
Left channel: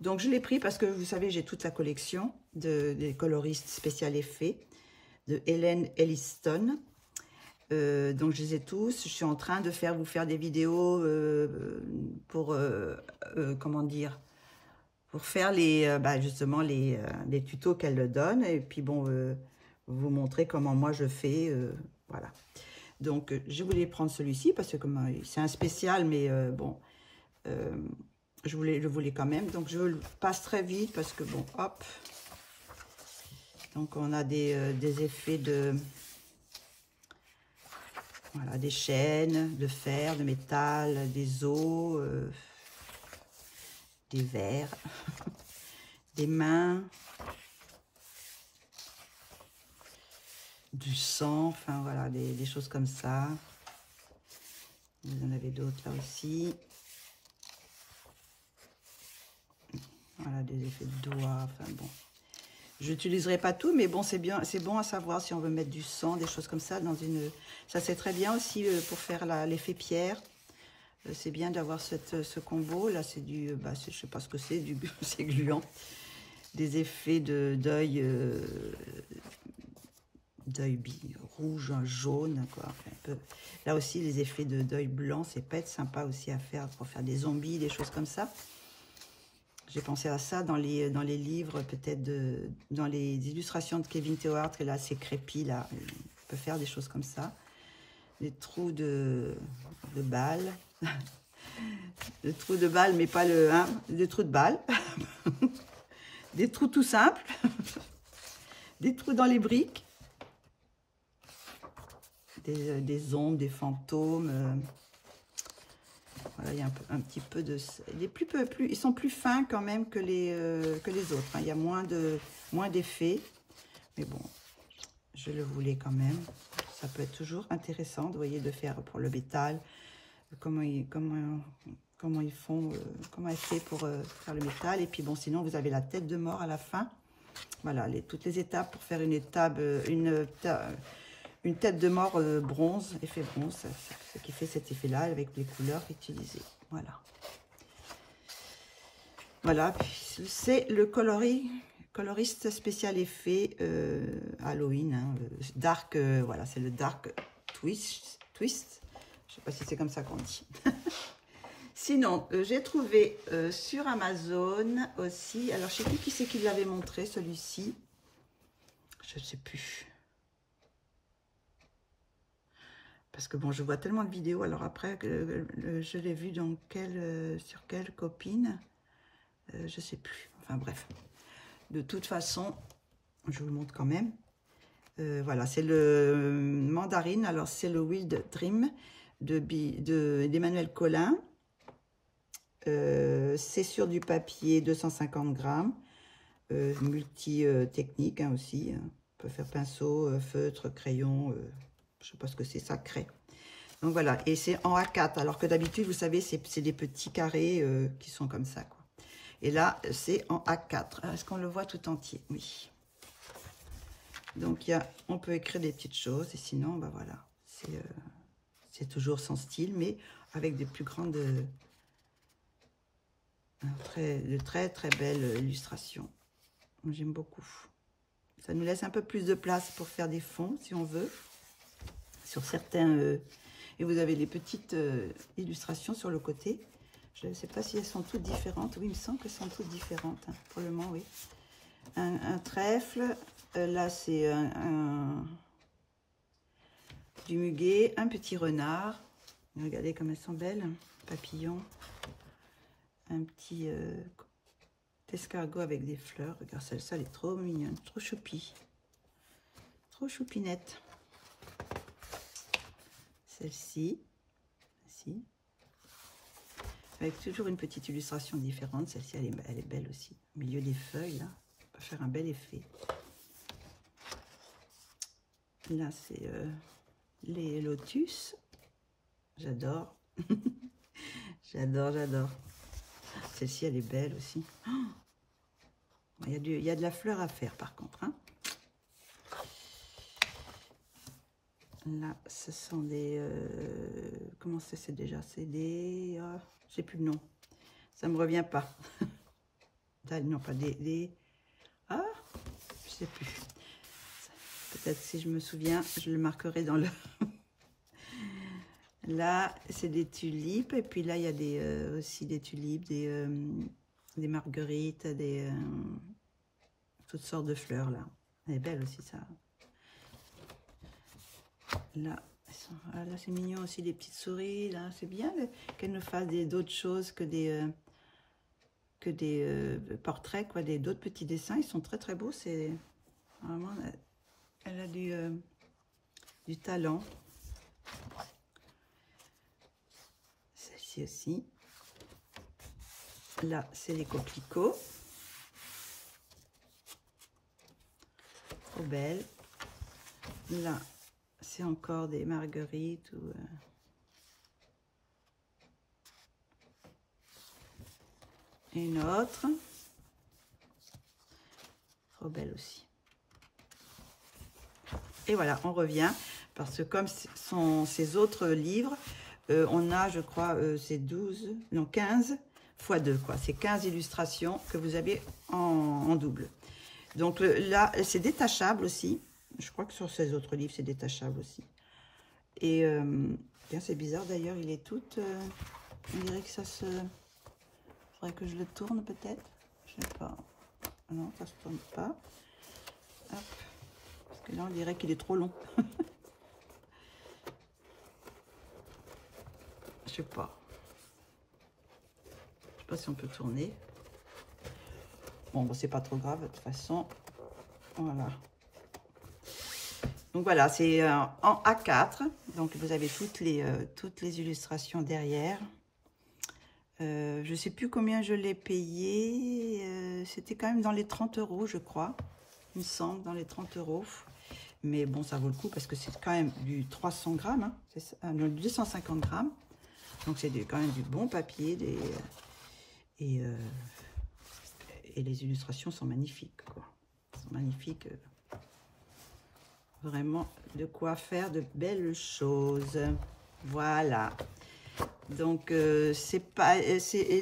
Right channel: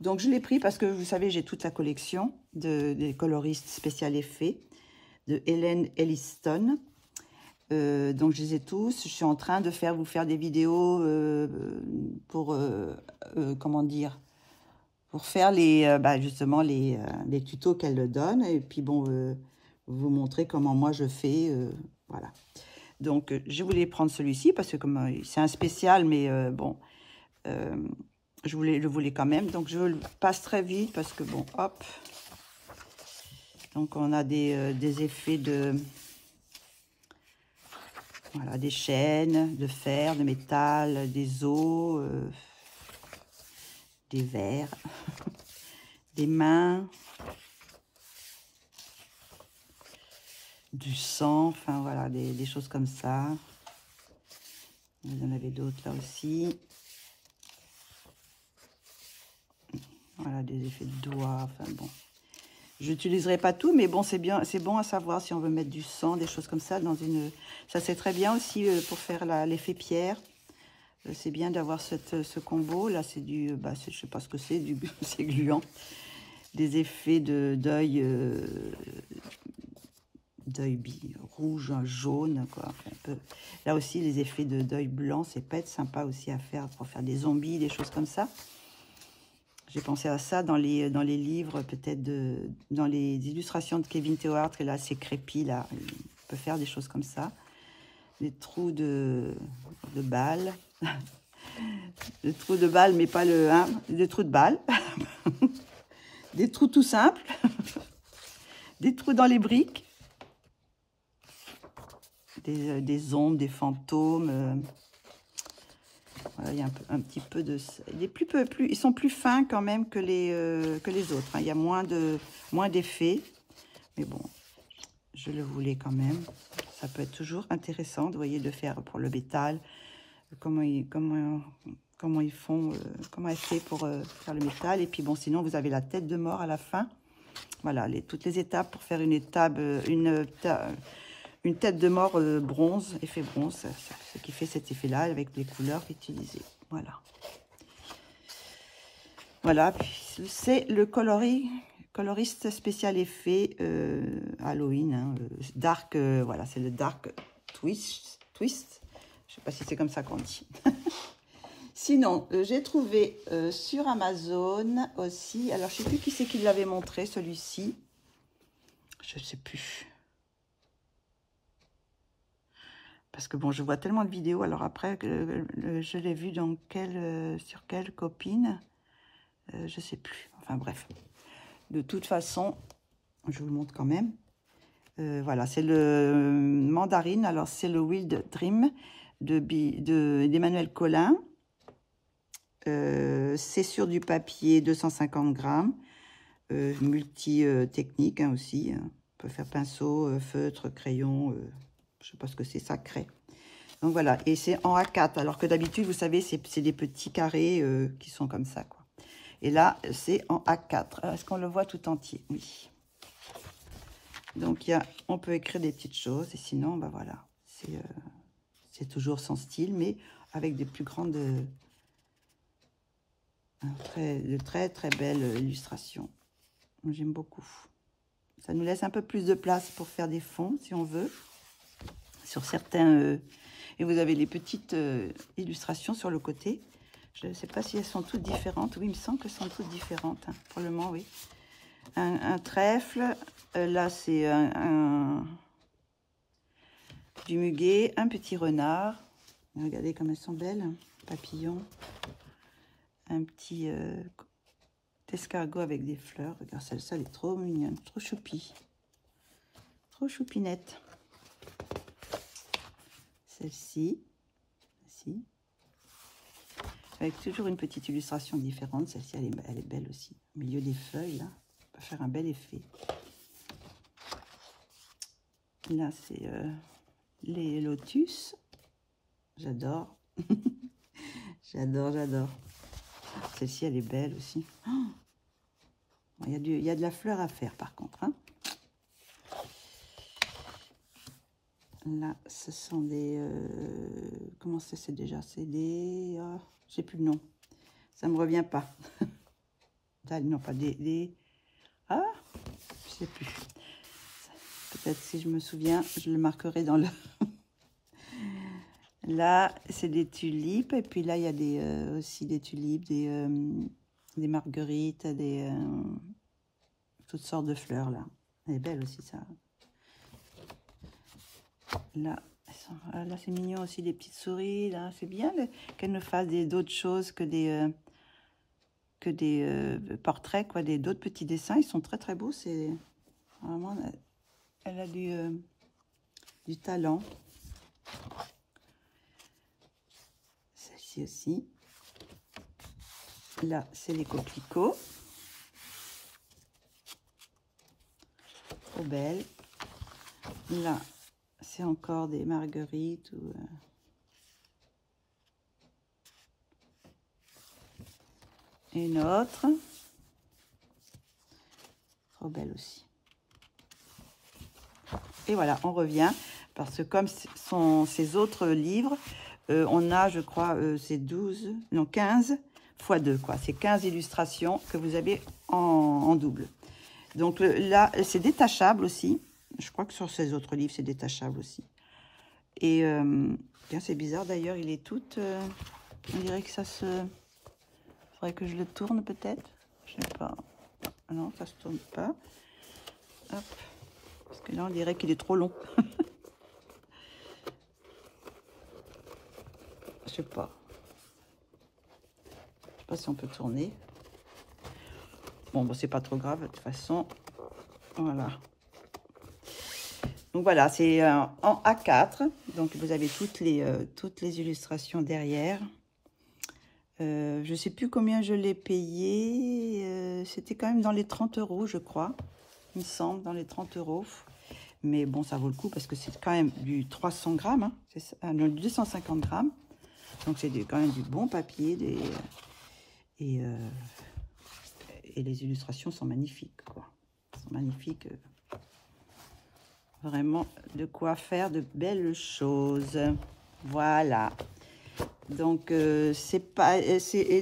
Donc, je l'ai pris parce que, vous savez, j'ai toute la collection des coloristes spécial effets de Helen Elliston. Donc, je les ai tous. Je suis en train de vous faire des vidéos pour, comment dire, pour faire justement les tutos qu'elle donne. Et puis, bon, vous montrer comment moi je fais. Voilà. Donc, je voulais prendre celui-ci parce que comme c'est un spécial, mais bon, je le voulais quand même. Donc, je le passe très vite parce que, bon, hop. Donc, on a des effets voilà, des chaînes, de fer, de métal, des os, des verres, des mains, du sang, enfin voilà, des choses comme ça. Vous en avez d'autres là aussi. Voilà, des effets de doigts, enfin bon. Je n'utiliserai pas tout, mais bon, c'est bien, c'est bon à savoir si on veut mettre du sang, des choses comme ça dans une. Ça c'est très bien aussi pour faire l'effet pierre. C'est bien d'avoir ce combo. Là, c'est du, je sais pas ce que c'est, c'est gluant. Des effets d'œil rouge, jaune, quoi. Là aussi, les effets d'œil blanc, c'est pas être sympa aussi à faire pour faire des zombies, des choses comme ça. J'ai pensé à ça dans les livres, peut-être dans les illustrations de Kevin Théohart, et là, c'est crépi, là. On peut faire des choses comme ça. Des trous de balles. Des trous de balles, mais pas des trous de balles. Des trous tout simples. Des trous dans les briques. Des ombres, des fantômes. Voilà, il y a un petit peu de... ils sont plus fins quand même que les autres. Hein. Il y a moins d'effets. Mais bon, je le voulais quand même. Ça peut être toujours intéressant, vous voyez, de faire pour le métal. Comment elle fait pour faire le métal. Et puis bon, sinon, vous avez la tête de mort à la fin. Voilà, toutes les étapes pour faire une tête de mort bronze, effet bronze, ce qui fait cet effet-là avec des couleurs utilisées. Voilà. Voilà, c'est le coloriste spécial effet Halloween, hein, dark, voilà, c'est le dark twist. Je pas si c'est comme ça qu'on dit. Sinon, j'ai trouvé sur Amazon aussi, alors je sais plus qui c'est qui l'avait montré, celui-ci. Je ne sais plus. Parce que bon, je vois tellement de vidéos, alors après, je l'ai vu dans sur quelle copine, je ne sais plus. Enfin bref, de toute façon, je vous le montre quand même. Voilà, c'est le mandarine, alors c'est le Wild Dream d'Emmanuel Collin. C'est sur du papier 250 grammes, multi-technique aussi. On peut faire pinceau, feutre, crayon, je ne sais pas ce que c'est, ça, craie. Donc voilà, et c'est en A4, alors que d'habitude, vous savez, c'est des petits carrés qui sont comme ça, quoi. Et là, c'est en A4. Est-ce qu'on le voit tout entier? Oui. Donc, on peut écrire des petites choses, et sinon, bah voilà, c'est toujours son style, mais avec des plus grandes... de très très belles illustrations. J'aime beaucoup. Ça nous laisse un peu plus de place pour faire des fonds, si on veut, sur certains... et vous avez des petites illustrations sur le côté. Je ne sais pas si elles sont toutes différentes. Oui, il me semble qu'elles sont toutes différentes. Hein. Pour le moment, oui. Un trèfle. Là, c'est du muguet. Un petit renard. Regardez comme elles sont belles. Papillon. Un petit escargot avec des fleurs. Regarde, celle-ci, elle est trop mignonne. Trop choupie. Trop choupinette. Celle-ci. Celle-ci. Avec toujours une petite illustration différente. Celle-ci, elle est belle aussi. Au milieu des feuilles, là, on peut faire un bel effet. Là, c'est les lotus. J'adore. J'adore. Celle-ci, elle est belle aussi. Oh, il y a de la fleur à faire, par contre. Hein. Là, ce sont des... comment c'est déjà? C'est des... je sais plus le nom. Ça me revient pas. Non, pas des... Ah, je sais plus. Peut-être si je me souviens, je le marquerai dans le... Là, c'est des tulipes. Et puis là, il y a aussi des tulipes, des marguerites, toutes sortes de fleurs, là. Elle est belle aussi, ça. Là, là c'est mignon aussi, des petites souris. Là, c'est bien qu'elle nous fasse d'autres choses que des portraits, quoi, d'autres petits dessins. Ils sont très très beaux. C'est vraiment, elle a du talent. Celle-ci aussi. Là, c'est les coquelicots. Trop belle. Là, c'est encore des marguerites ou une autre. Trop belle aussi. Et voilà, on revient parce que comme sont ces autres livres, on a, je crois, c'est 12, non 15 x 2, quoi. C'est 15 illustrations que vous avez en double. Donc là, c'est détachable aussi. Je crois que sur ces autres livres, c'est détachable aussi. Et c'est bizarre d'ailleurs, il est tout... on dirait que ça se... Il faudrait que je le tourne peut-être. Je sais pas. Non, ça se tourne pas. Hop. Parce que là, on dirait qu'il est trop long. Je sais pas. Je sais pas si on peut tourner. Bon, bon c'est pas trop grave de toute façon. Voilà. Donc voilà, c'est en A4. Donc vous avez toutes les illustrations derrière. Je sais plus combien je l'ai payé. C'était quand même dans les 30 €, je crois. Il me semble, dans les 30 €. Mais bon, ça vaut le coup parce que c'est quand même du 300 grammes. Hein, non, 250 grammes. Donc c'est quand même du bon papier. Et les illustrations sont magnifiques, quoi. Elles sont magnifiques. Vraiment de quoi faire de belles choses. Voilà. Donc, il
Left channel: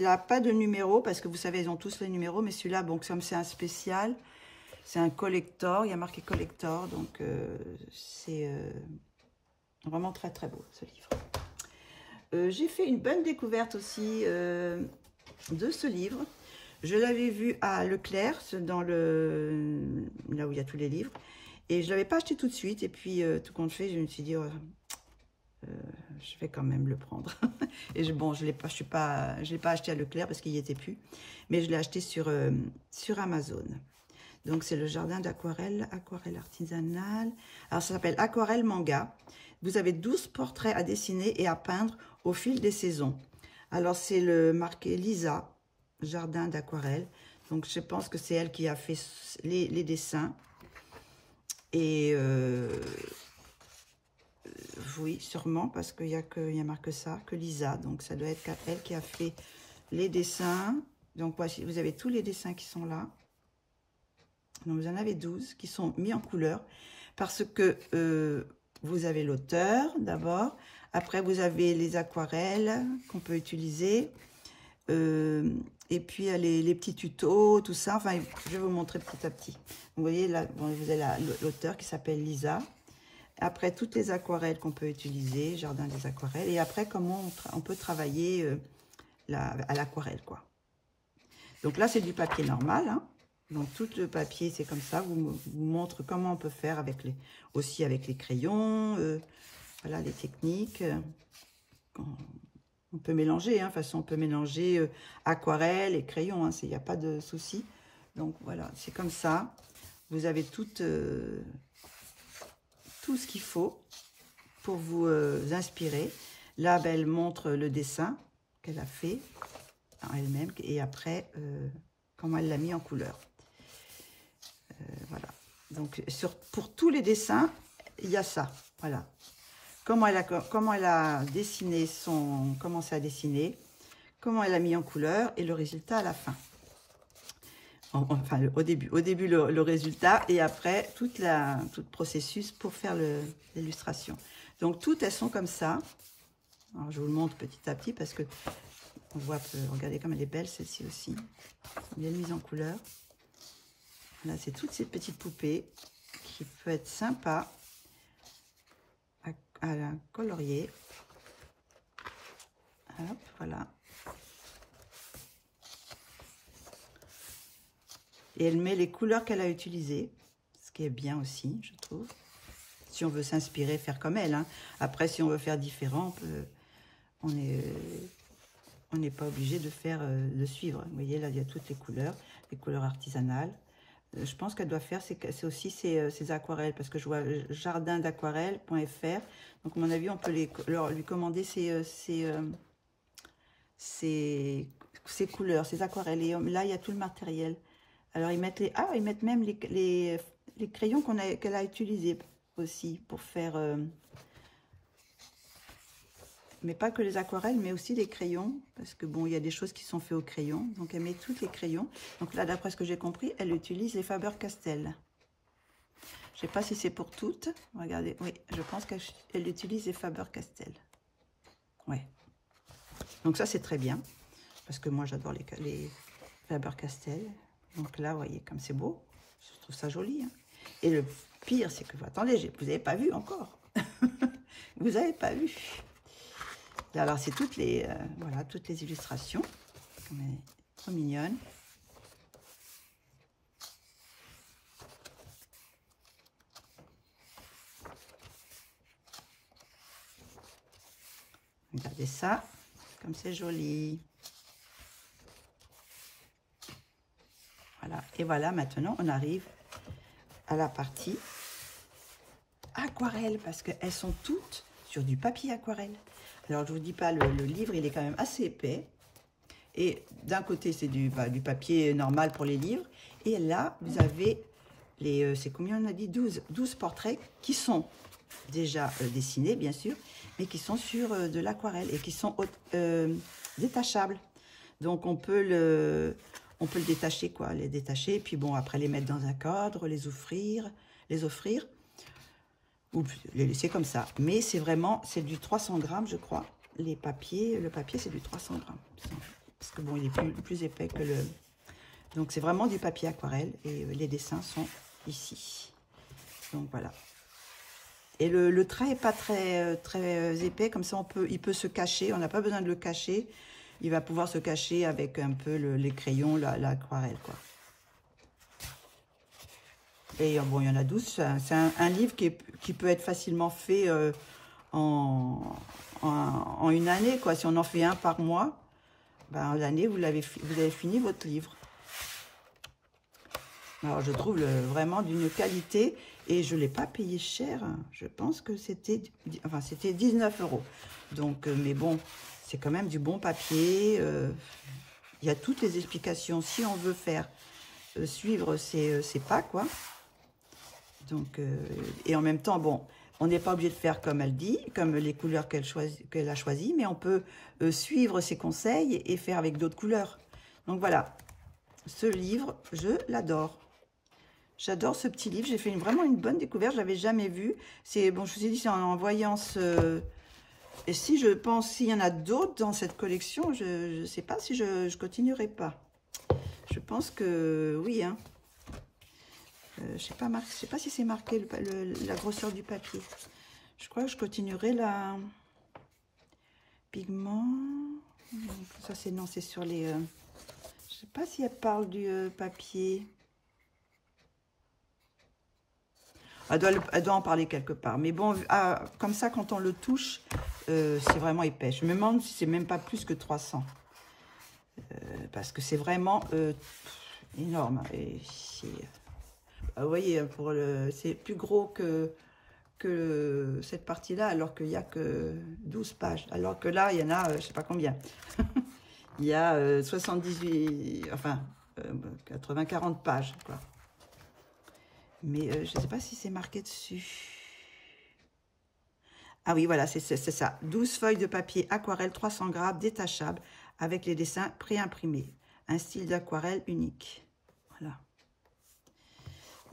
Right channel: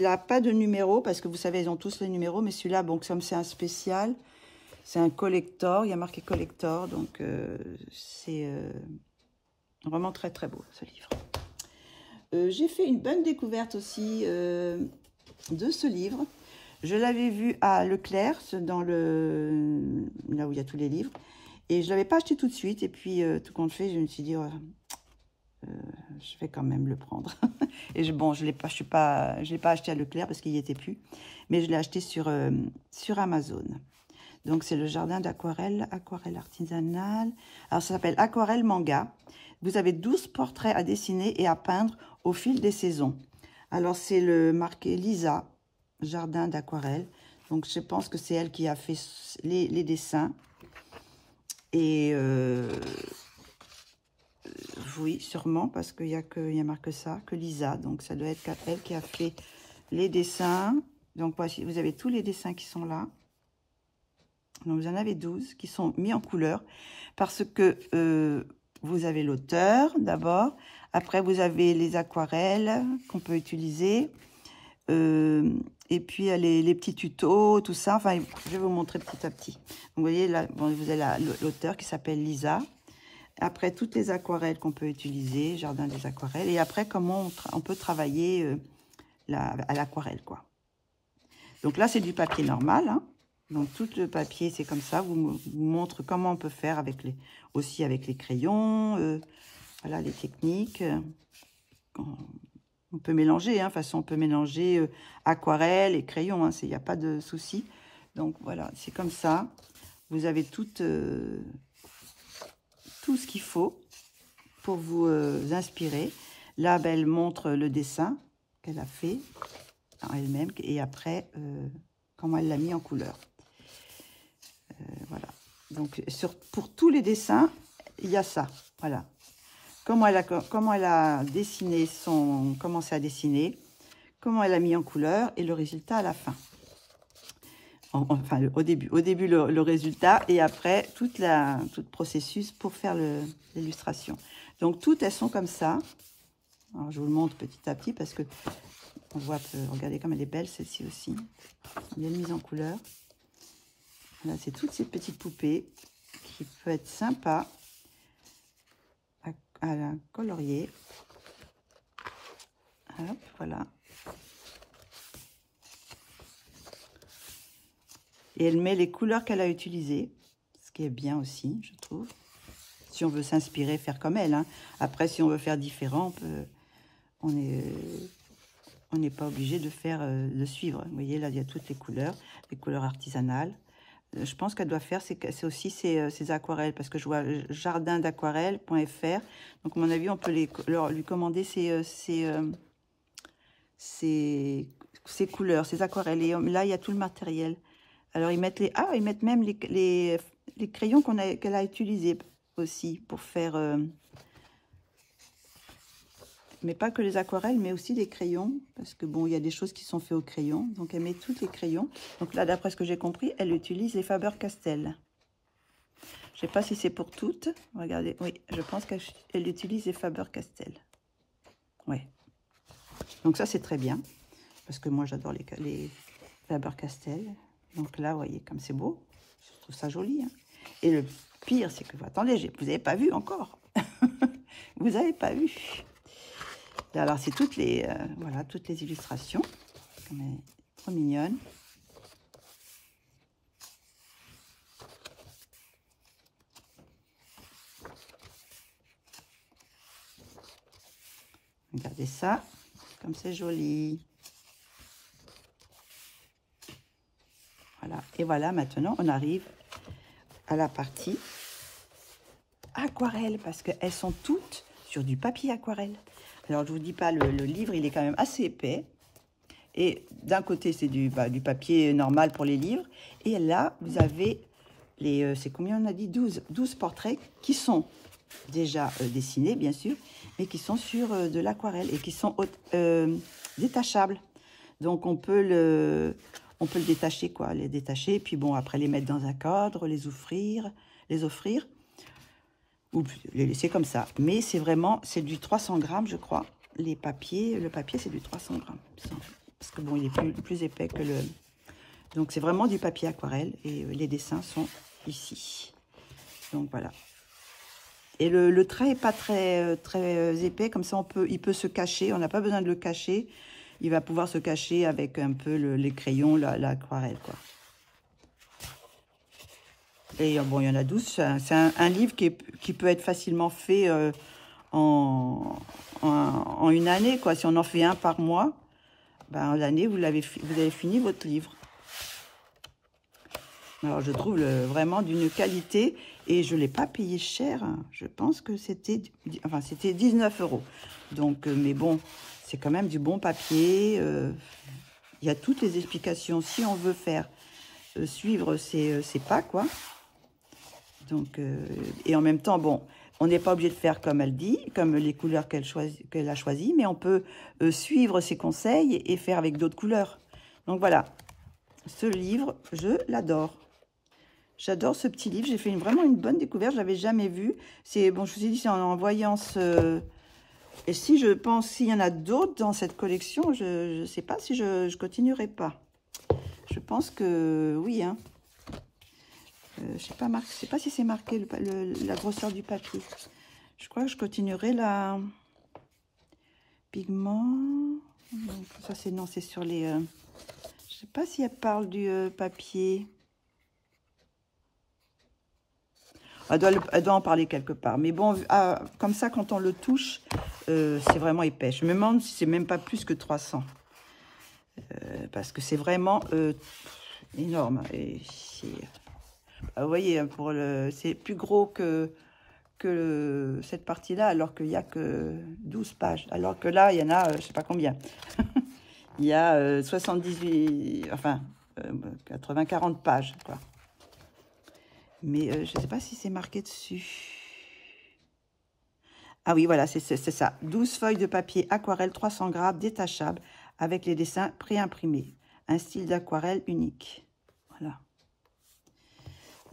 n'a pas de numéro parce que vous savez, ils ont tous les numéros. Mais celui-là, bon, comme c'est un spécial, c'est un collector. Il y a marqué collector. Donc, c'est vraiment très, très beau, ce livre. j'ai fait une bonne découverte aussi de ce livre. Je l'avais vu à Leclerc, dans là où il y a tous les livres. Et je ne l'avais pas acheté tout de suite. Et puis, tout compte fait, je me suis dit, oh, je vais quand même le prendre. Et bon, je ne l'ai pas acheté à Leclerc parce qu'il n'y était plus. Mais je l'ai acheté sur Amazon. Donc, c'est le jardin d'aquarelle, aquarelle artisanale. Alors, ça s'appelle Aquarelle Manga. Vous avez 12 portraits à dessiner et à peindre au fil des saisons. Alors, c'est le marqué Lisa, jardin d'aquarelle. Donc, je pense que c'est elle qui a fait les dessins. Et oui, sûrement, parce qu'il y a marqué ça, que Lisa. Donc, ça doit être elle qui a fait les dessins. Donc, voici, vous avez tous les dessins qui sont là. Donc, vous en avez 12 qui sont mis en couleur parce que vous avez l'auteur d'abord. Après, vous avez les aquarelles qu'on peut utiliser. Et puis, il y a les petits tutos, tout ça. Enfin, je vais vous montrer petit à petit. Donc, vous voyez, là, bon, vous avez l'auteur qui s'appelle Lisa. Après, toutes les aquarelles qu'on peut utiliser, jardin des aquarelles. Et après, comment on peut travailler à l'aquarelle, quoi. Donc là, c'est du papier normal, hein. Donc, tout le papier, c'est comme ça. Vous montre comment on peut faire aussi avec les crayons. Voilà, les techniques. On peut mélanger, hein. De toute façon, on peut mélanger aquarelle et crayon. Hein, il n'y a pas de souci. Donc, voilà, c'est comme ça. Vous avez tout ce qu'il faut pour vous inspirer. Là, ben, elle montre le dessin qu'elle a fait elle-même. Et après, comment elle l'a mis en couleur. Voilà. Donc, pour tous les dessins, il y a ça. Voilà. Comment elle a dessiné commencé à dessiner, comment elle a mis en couleur et le résultat à la fin. Enfin, au début le résultat et après tout le processus pour faire l'illustration. Donc, toutes elles sont comme ça. Alors, je vous le montre petit à petit parce que on voit, regardez comme elle est belle, celle-ci aussi. Elle est mise en couleur. Là, c'est toutes ces petites poupées qui peuvent être sympas à colorier. Hop, voilà. Et elle met les couleurs qu'elle a utilisées, ce qui est bien aussi, je trouve. Si on veut s'inspirer, faire comme elle. Hein. Après, si on veut faire différent, on n'est pas obligé de suivre. Vous voyez, là, il y a toutes les couleurs artisanales. Je pense qu'elle doit faire, c'est aussi ses aquarelles, parce que je vois jardindaquarelle.fr. Donc, à mon avis, on peut lui commander ses couleurs, ses aquarelles. Et là, il y a tout le matériel. Alors, ils mettent même les crayons qu'elle a utilisés aussi pour faire... mais pas que les aquarelles, mais aussi les crayons. Parce que, bon, il y a des choses qui sont faites au crayon. Donc, elle met tous les crayons. Donc là, d'après ce que j'ai compris, elle utilise les Faber-Castell. Je ne sais pas si c'est pour toutes. Regardez, oui, je pense qu'elle utilise les Faber-Castell. Oui. Donc ça, c'est très bien. Parce que moi, j'adore les Faber-Castell. Donc là, vous voyez, comme c'est beau. Je trouve ça joli. Hein. Et le pire, c'est que, attendez, vous n'avez pas vu encore. Vous n'avez pas vu. Alors, c'est toutes les illustrations. Elle est trop mignonne. Regardez ça, comme c'est joli. Voilà. Et voilà, maintenant, on arrive à la partie aquarelle, parce qu'elles sont toutes sur du papier aquarelle. Alors, je ne vous dis pas, le livre, il est quand même assez épais. Et d'un côté, c'est du papier normal pour les livres. Et là, vous avez c'est combien on a dit 12 portraits qui sont déjà dessinés, bien sûr, mais qui sont sur de l'aquarelle et qui sont détachables. Donc, on peut le détacher, quoi, les détacher. Et puis, bon, après, les mettre dans un cadre, les offrir. Ou les laisser comme ça. Mais c'est du 300 grammes, je crois. Le papier, c'est du 300 grammes. Parce que bon, il est plus épais que le... Donc, c'est vraiment du papier aquarelle. Et les dessins sont ici. Donc, voilà. Et le trait n'est pas très épais, comme ça il peut se cacher, on n'a pas besoin de le cacher. Il va pouvoir se cacher avec un peu les crayons, l'aquarelle, quoi. Et bon, il y en a 12, c'est un livre qui peut être facilement fait en une année, quoi. Si on en fait un par mois, ben, en l'année, vous avez fini votre livre. Alors, je trouve vraiment d'une qualité et je ne l'ai pas payé cher. Hein. Je pense que c'était 19 €. Donc, mais bon, c'est quand même du bon papier. Il y a toutes les explications si on veut faire suivre ces pas, quoi. Donc, et en même temps, bon, on n'est pas obligé de faire comme elle dit, comme les couleurs qu'elle a choisies, mais on peut suivre ses conseils et faire avec d'autres couleurs. Donc voilà, ce livre, je l'adore. J'adore ce petit livre. J'ai fait vraiment une bonne découverte. Je ne l'avais jamais vu. C'est bon, je vous ai dit, c'est en voyant ce... Et si je pense, s'il y en a d'autres dans cette collection, je ne sais pas si je ne continuerai pas. Je pense que oui, hein. Je sais pas si c'est marqué la grosseur du papier. Je crois que je continuerai la pigment. Ça c'est non, c'est sur les. Je sais pas si elle parle du papier. Elle doit en parler quelque part. Mais bon, comme ça, quand on le touche, c'est vraiment épais. Je me demande si c'est même pas plus que 300. Parce que c'est vraiment énorme. Et vous voyez, c'est plus gros que cette partie-là, alors qu'il n'y a que 12 pages. Alors que là, il y en a, je ne sais pas combien. Il y a 78, enfin, 40 pages, quoi. Mais je ne sais pas si c'est marqué dessus. Ah oui, voilà, c'est ça. 12 feuilles de papier aquarelle 300 grammes détachables avec les dessins préimprimés. Un style d'aquarelle unique. Voilà.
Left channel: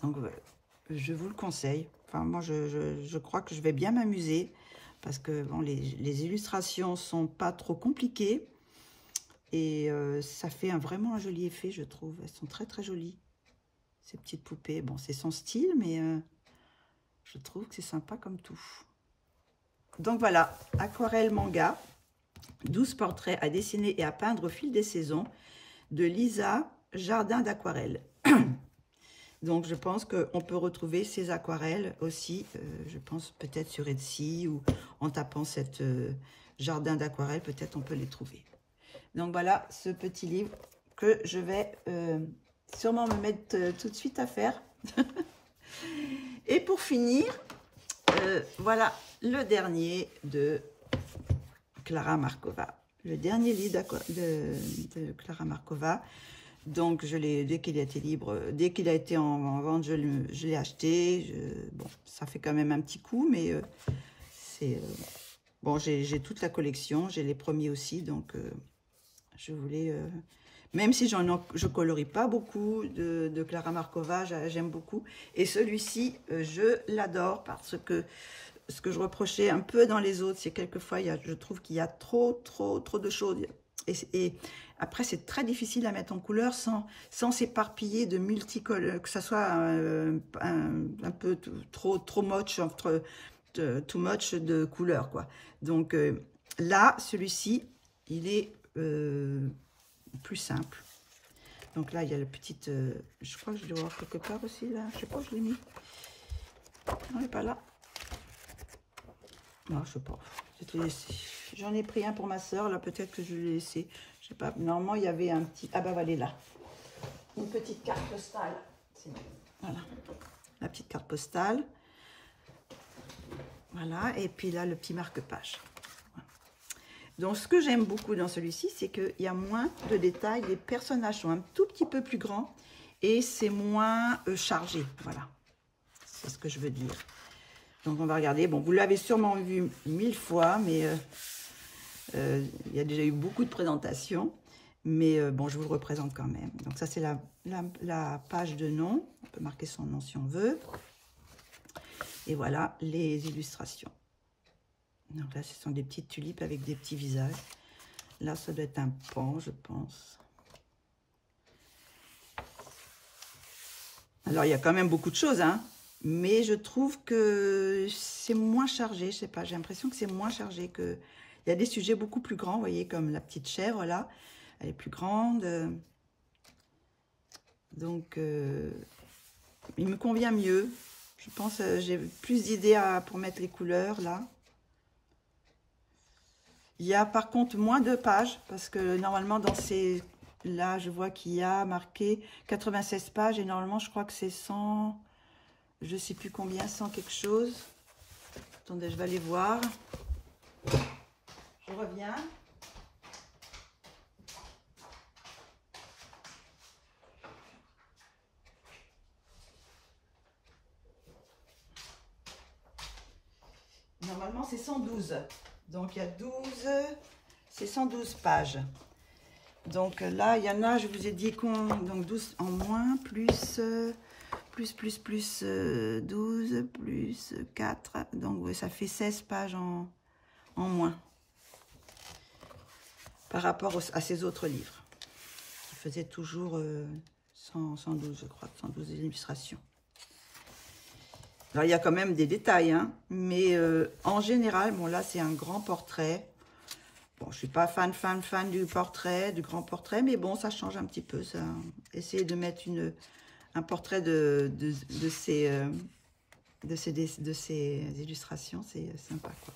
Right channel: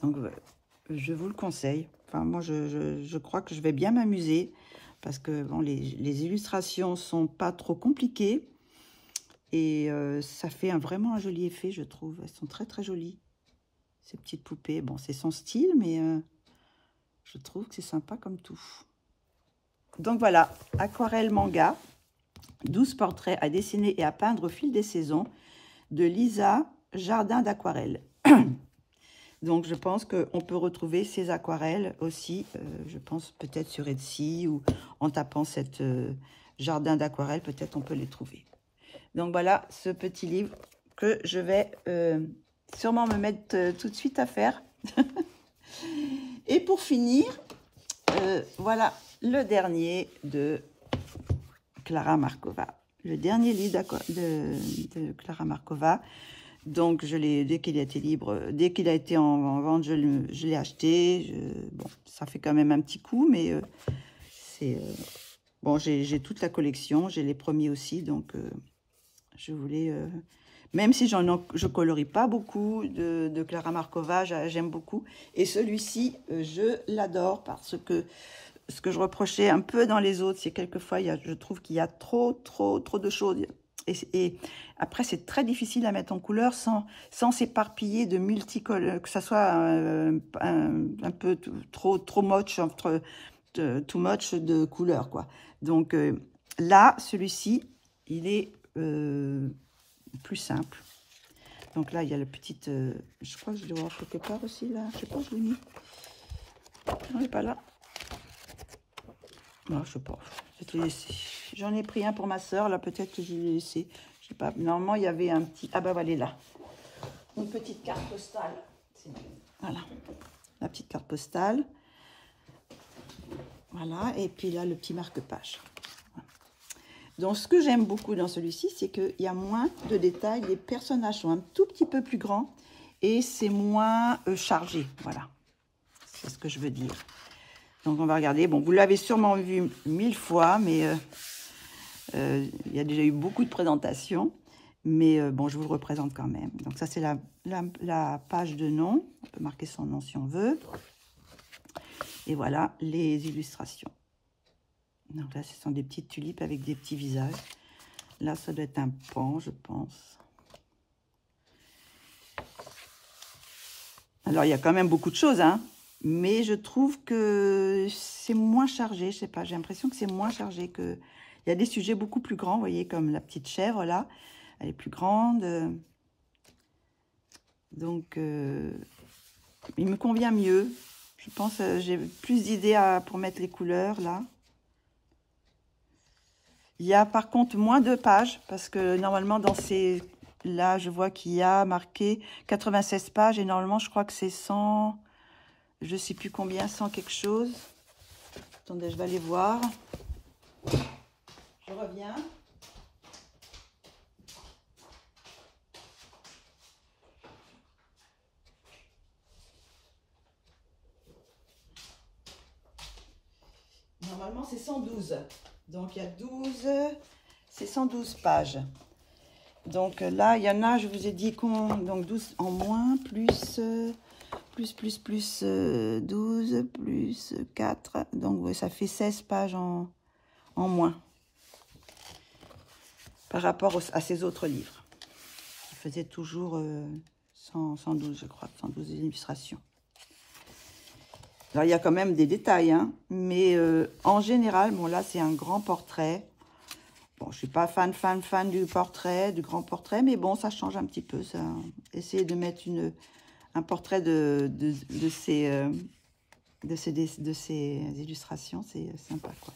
Donc, je vous le conseille. Enfin, moi, je crois que je vais bien m'amuser parce que bon, les illustrations sont pas trop compliquées et ça fait vraiment un joli effet, je trouve. Elles sont très, très jolies. Ces petites poupées, bon, c'est son style, mais je trouve que c'est sympa comme tout. Donc voilà, aquarelle manga, 12 portraits à dessiner et à peindre au fil des saisons, de Lisa, Jardin d'aquarelle. Donc je pense qu'on peut retrouver ces aquarelles aussi, je pense peut-être sur Etsy ou en tapant cette Jardin d'aquarelle, peut-être on peut les trouver. Donc voilà ce petit livre que je vais... sûrement me mettre tout de suite à faire. Et pour finir, voilà le dernier de Klara Markova. Le dernier livre de Klara Markova. Donc, dès qu'il a été libre, dès qu'il a été en vente, je l'ai acheté. Bon, ça fait quand même un petit coup, mais c'est... bon, j'ai toute la collection, j'ai les premiers aussi, donc je voulais... même si je colorie pas beaucoup de Klara Markova, j'aime beaucoup. Et celui-ci, je l'adore parce que ce que je reprochais un peu dans les autres, c'est quelquefois, je trouve qu'il y a trop de choses. Et après, c'est très difficile à mettre en couleur sans s'éparpiller de multicolores, que ça soit un peu trop much, too much de couleurs, quoi. Donc là, celui-ci, il est... plus simple. Donc là, il y a le petit... je crois que je dois voir quelque part aussi, là. Je sais pas où je l'ai mis. Non, il n'est pas là. Non, je sais pas. J'en ai pris un pour ma soeur, là, peut-être que je l'ai laissé. Je sais pas. Normalement, il y avait un petit... Ah ben, voilà, là. Une petite carte postale. Voilà. La petite carte postale. Voilà. Et puis là, le petit marque-page. Donc, ce que j'aime beaucoup dans celui-ci, c'est qu'il y a moins de détails. Les personnages sont un tout petit peu plus grands et c'est moins chargé. Voilà, c'est ce que je veux dire. Donc, on va regarder. Bon, vous l'avez sûrement vu 1000 fois, mais il y a déjà eu beaucoup de présentations. Mais bon, je vous le représente quand même. Donc, ça, c'est la page de nom. On peut marquer son nom si on veut. Et voilà les illustrations. Donc là, ce sont des petites tulipes avec des petits visages. Là, ça doit être un pan, je pense. Alors, il y a quand même beaucoup de choses, hein. Mais je trouve que c'est moins chargé, je sais pas, j'ai l'impression que c'est moins chargé que... Il y a des sujets beaucoup plus grands, vous voyez, comme la petite chèvre, là. Elle est plus grande. Donc, il me convient mieux. Je pense que j'ai plus d'idées pour mettre les couleurs, là. Il y a par contre moins de pages, parce que normalement, dans ces... Là, je vois qu'il y a marqué 96 pages, et normalement, je crois que c'est 100... Je sais plus combien, 100 quelque chose. Attendez, je vais aller voir. Je reviens. Normalement, c'est 112. Donc, il y a 12, c'est 112 pages. Donc là, il y en a, je vous ai dit qu'on... Donc, 12 en moins, plus 12, plus 4. Donc, ouais, ça fait 16 pages en moins. Par rapport à ces autres livres. Je faisais toujours 112, je crois, 112 illustrations. Alors, il y a quand même des détails, hein, mais en général, bon, là, c'est un grand portrait. Bon, je ne suis pas fan du portrait, du grand portrait, mais bon, ça change un petit peu. Ça. Essayer de mettre un portrait de ces illustrations, c'est sympa, quoi.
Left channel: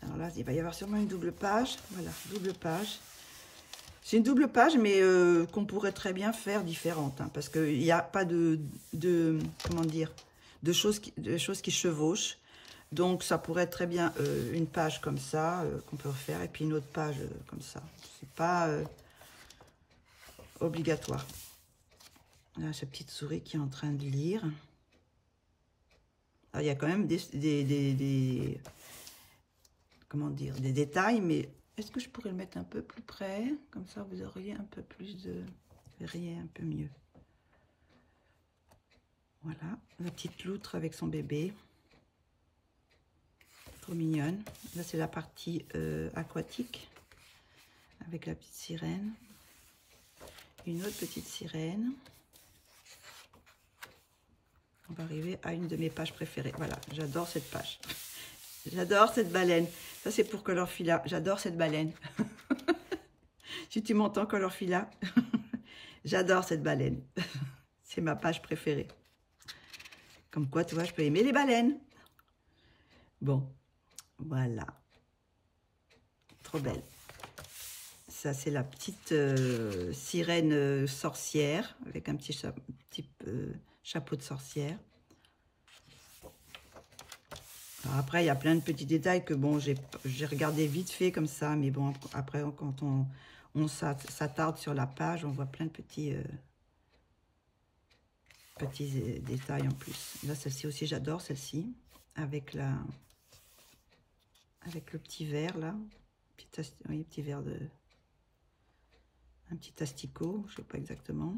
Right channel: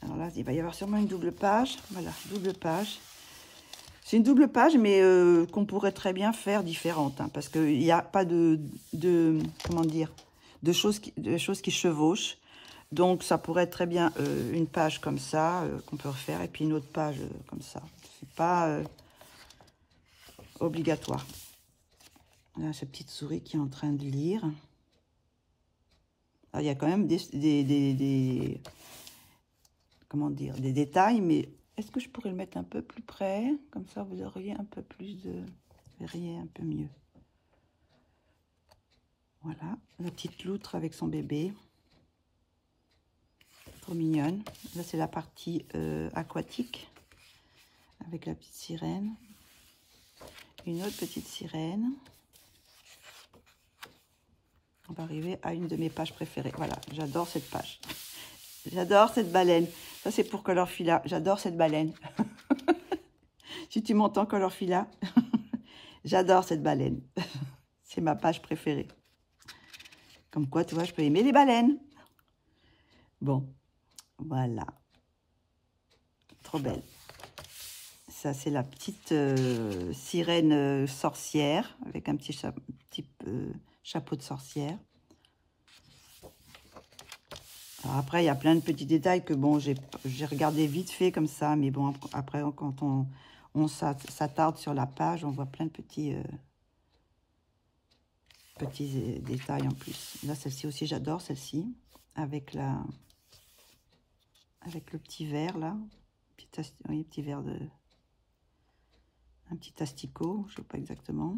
Alors là, il va y avoir sûrement une double page. Voilà, double page. C'est une double page, mais qu'on pourrait très bien faire différente, hein, parce qu'il n'y a pas comment dire, de choses qui chevauchent. Donc, ça pourrait être très bien une page comme ça, qu'on peut refaire, et puis une autre page comme ça. C'est pas obligatoire. Là, cette petite souris qui est en train de lire. Alors, il y a quand même comment dire, des détails, mais est-ce que je pourrais le mettre un peu plus près? Comme ça, vous auriez un peu plus de... Vous verriez un peu mieux. Voilà, la petite loutre avec son bébé. Trop mignonne. Là, c'est la partie aquatique, avec la petite sirène. Une autre petite sirène. On va arriver à une de mes pages préférées. Voilà, j'adore cette page. J'adore cette baleine. Ça, c'est pour Colorfila. J'adore cette baleine. Si tu m'entends, Colorfila, j'adore cette baleine. C'est ma page préférée. Comme quoi, tu vois, je peux aimer les baleines. Bon, voilà. Trop belle. Ça, c'est la petite sirène sorcière, avec un petit chapeau de sorcière. Alors après, il y a plein de petits détails que, bon, j'ai regardé vite fait comme ça. Mais bon, après, quand on s'attarde sur la page, on voit plein de petits détails en plus. Là, celle-ci aussi, j'adore celle-ci. Avec le petit verre, là. Oui, petit verre de... Un petit asticot, je ne sais pas exactement.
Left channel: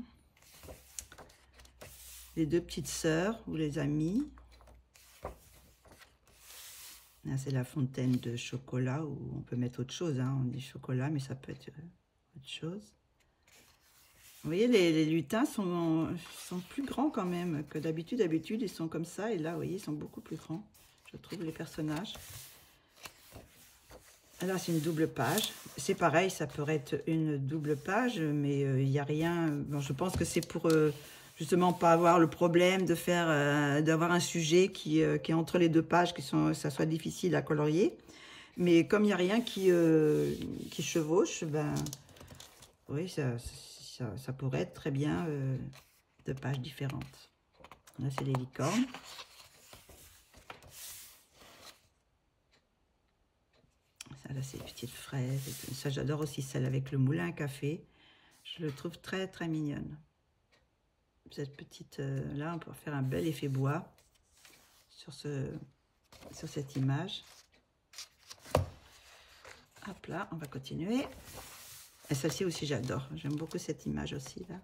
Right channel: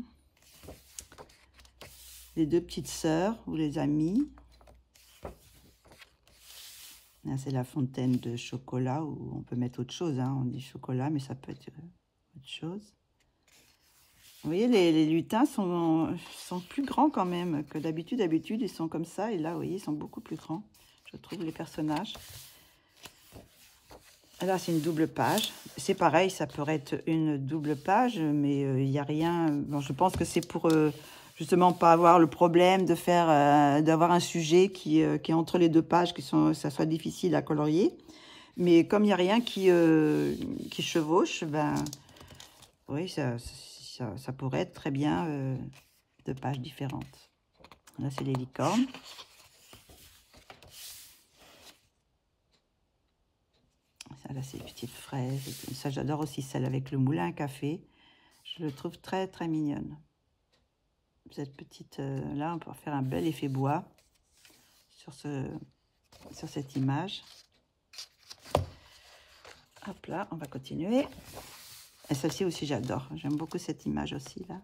Les deux petites sœurs ou les amies. Là, c'est la fontaine de chocolat, où on peut mettre autre chose, hein. On dit chocolat, mais ça peut être autre chose. Vous voyez, les lutins sont plus grands quand même que d'habitude. D'habitude, ils sont comme ça. Et là, vous voyez, ils sont beaucoup plus grands, je trouve, les personnages. Alors, c'est une double page. C'est pareil, ça pourrait être une double page, mais il n'y a rien... Bon, je pense que c'est pour... justement pas avoir le problème de d'avoir un sujet qui est entre les deux pages, ça soit difficile à colorier. Mais comme il n'y a rien qui chevauche, ben oui, ça pourrait être très bien deux pages différentes. Là, c'est les licornes. Ça, là, c'est les petites fraises. Et ça, j'adore aussi celle avec le moulin à café. Je le trouve très, très mignonne. Cette petite, là, on peut faire un bel effet bois sur cette image. Hop là, on va continuer. Et celle-ci aussi, j'adore. J'aime beaucoup cette image aussi, là.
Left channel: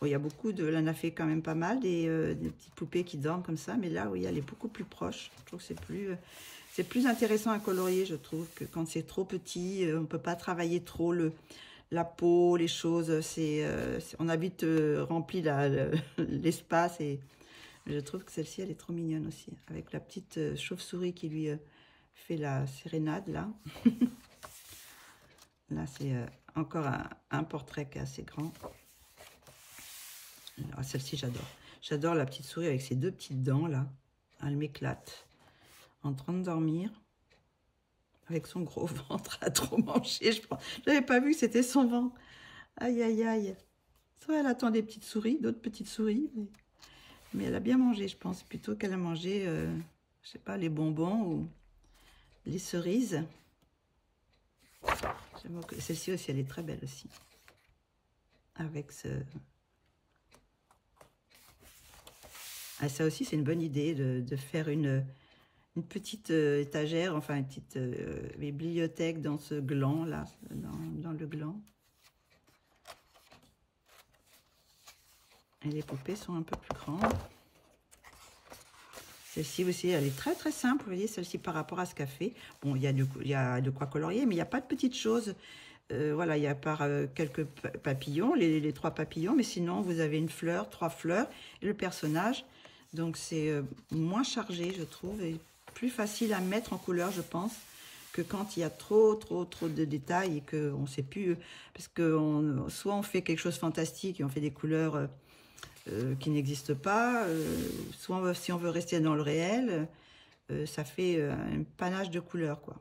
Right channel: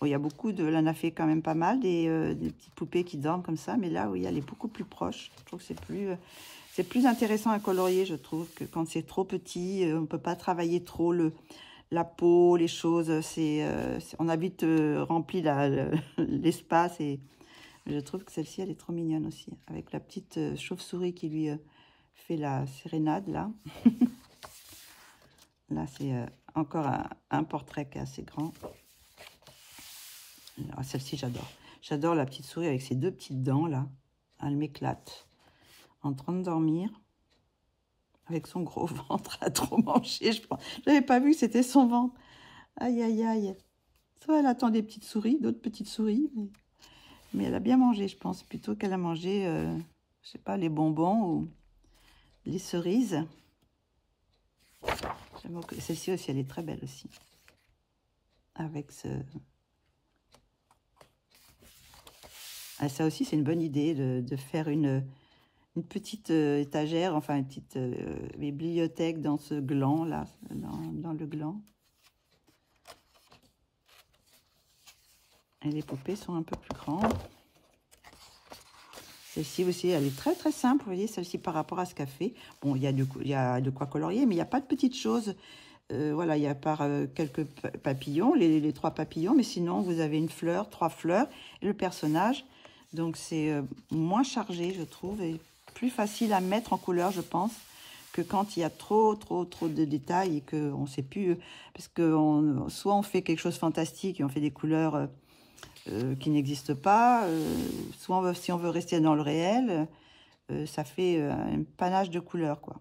Bon, il y a beaucoup de... Là, on a fait quand même pas mal des petites poupées qui dorment comme ça. Mais là, oui, elle est beaucoup plus proche. Je trouve que c'est plus intéressant à colorier, je trouve, que quand c'est trop petit. On ne peut pas travailler trop la peau, les choses. On a vite rempli l'espace. Et Je trouve que celle-ci, elle est trop mignonne aussi. Avec la petite chauve-souris qui lui fait la sérénade, là. Là, c'est encore un portrait qui est assez grand. Celle-ci, j'adore. J'adore la petite souris avec ses deux petites dents, là. Elle m'éclate. En train de dormir. Avec son gros ventre à trop manger, je pense. Je n'avais pas vu que c'était son ventre. Aïe, aïe, aïe. Soit elle attend des petites souris, d'autres petites souris. Mais elle a bien mangé, je pense. Plutôt qu'elle a mangé, je sais pas, les bonbons ou les cerises. Celle-ci aussi, elle est très belle aussi. Avec ce... Ah, ça aussi, c'est une bonne idée de faire une petite étagère, enfin une petite bibliothèque dans ce gland là, dans le gland. Et les poupées sont un peu plus grandes. Celle-ci aussi, elle est très très simple, vous voyez, celle-ci par rapport à ce qu'a fait. Bon, il y a de quoi colorier, mais il n'y a pas de petites choses. Voilà, il y a quelques papillons, les 3 papillons, mais sinon vous avez une fleur, 3 fleurs et le personnage. Donc c'est moins chargé, je trouve, et plus facile à mettre en couleur, je pense, que quand il y a trop de détails et qu'on ne sait plus, parce que soit on fait quelque chose de fantastique et on fait des couleurs qui n'existent pas, soit si on veut rester dans le réel, ça fait un panache de couleurs, quoi.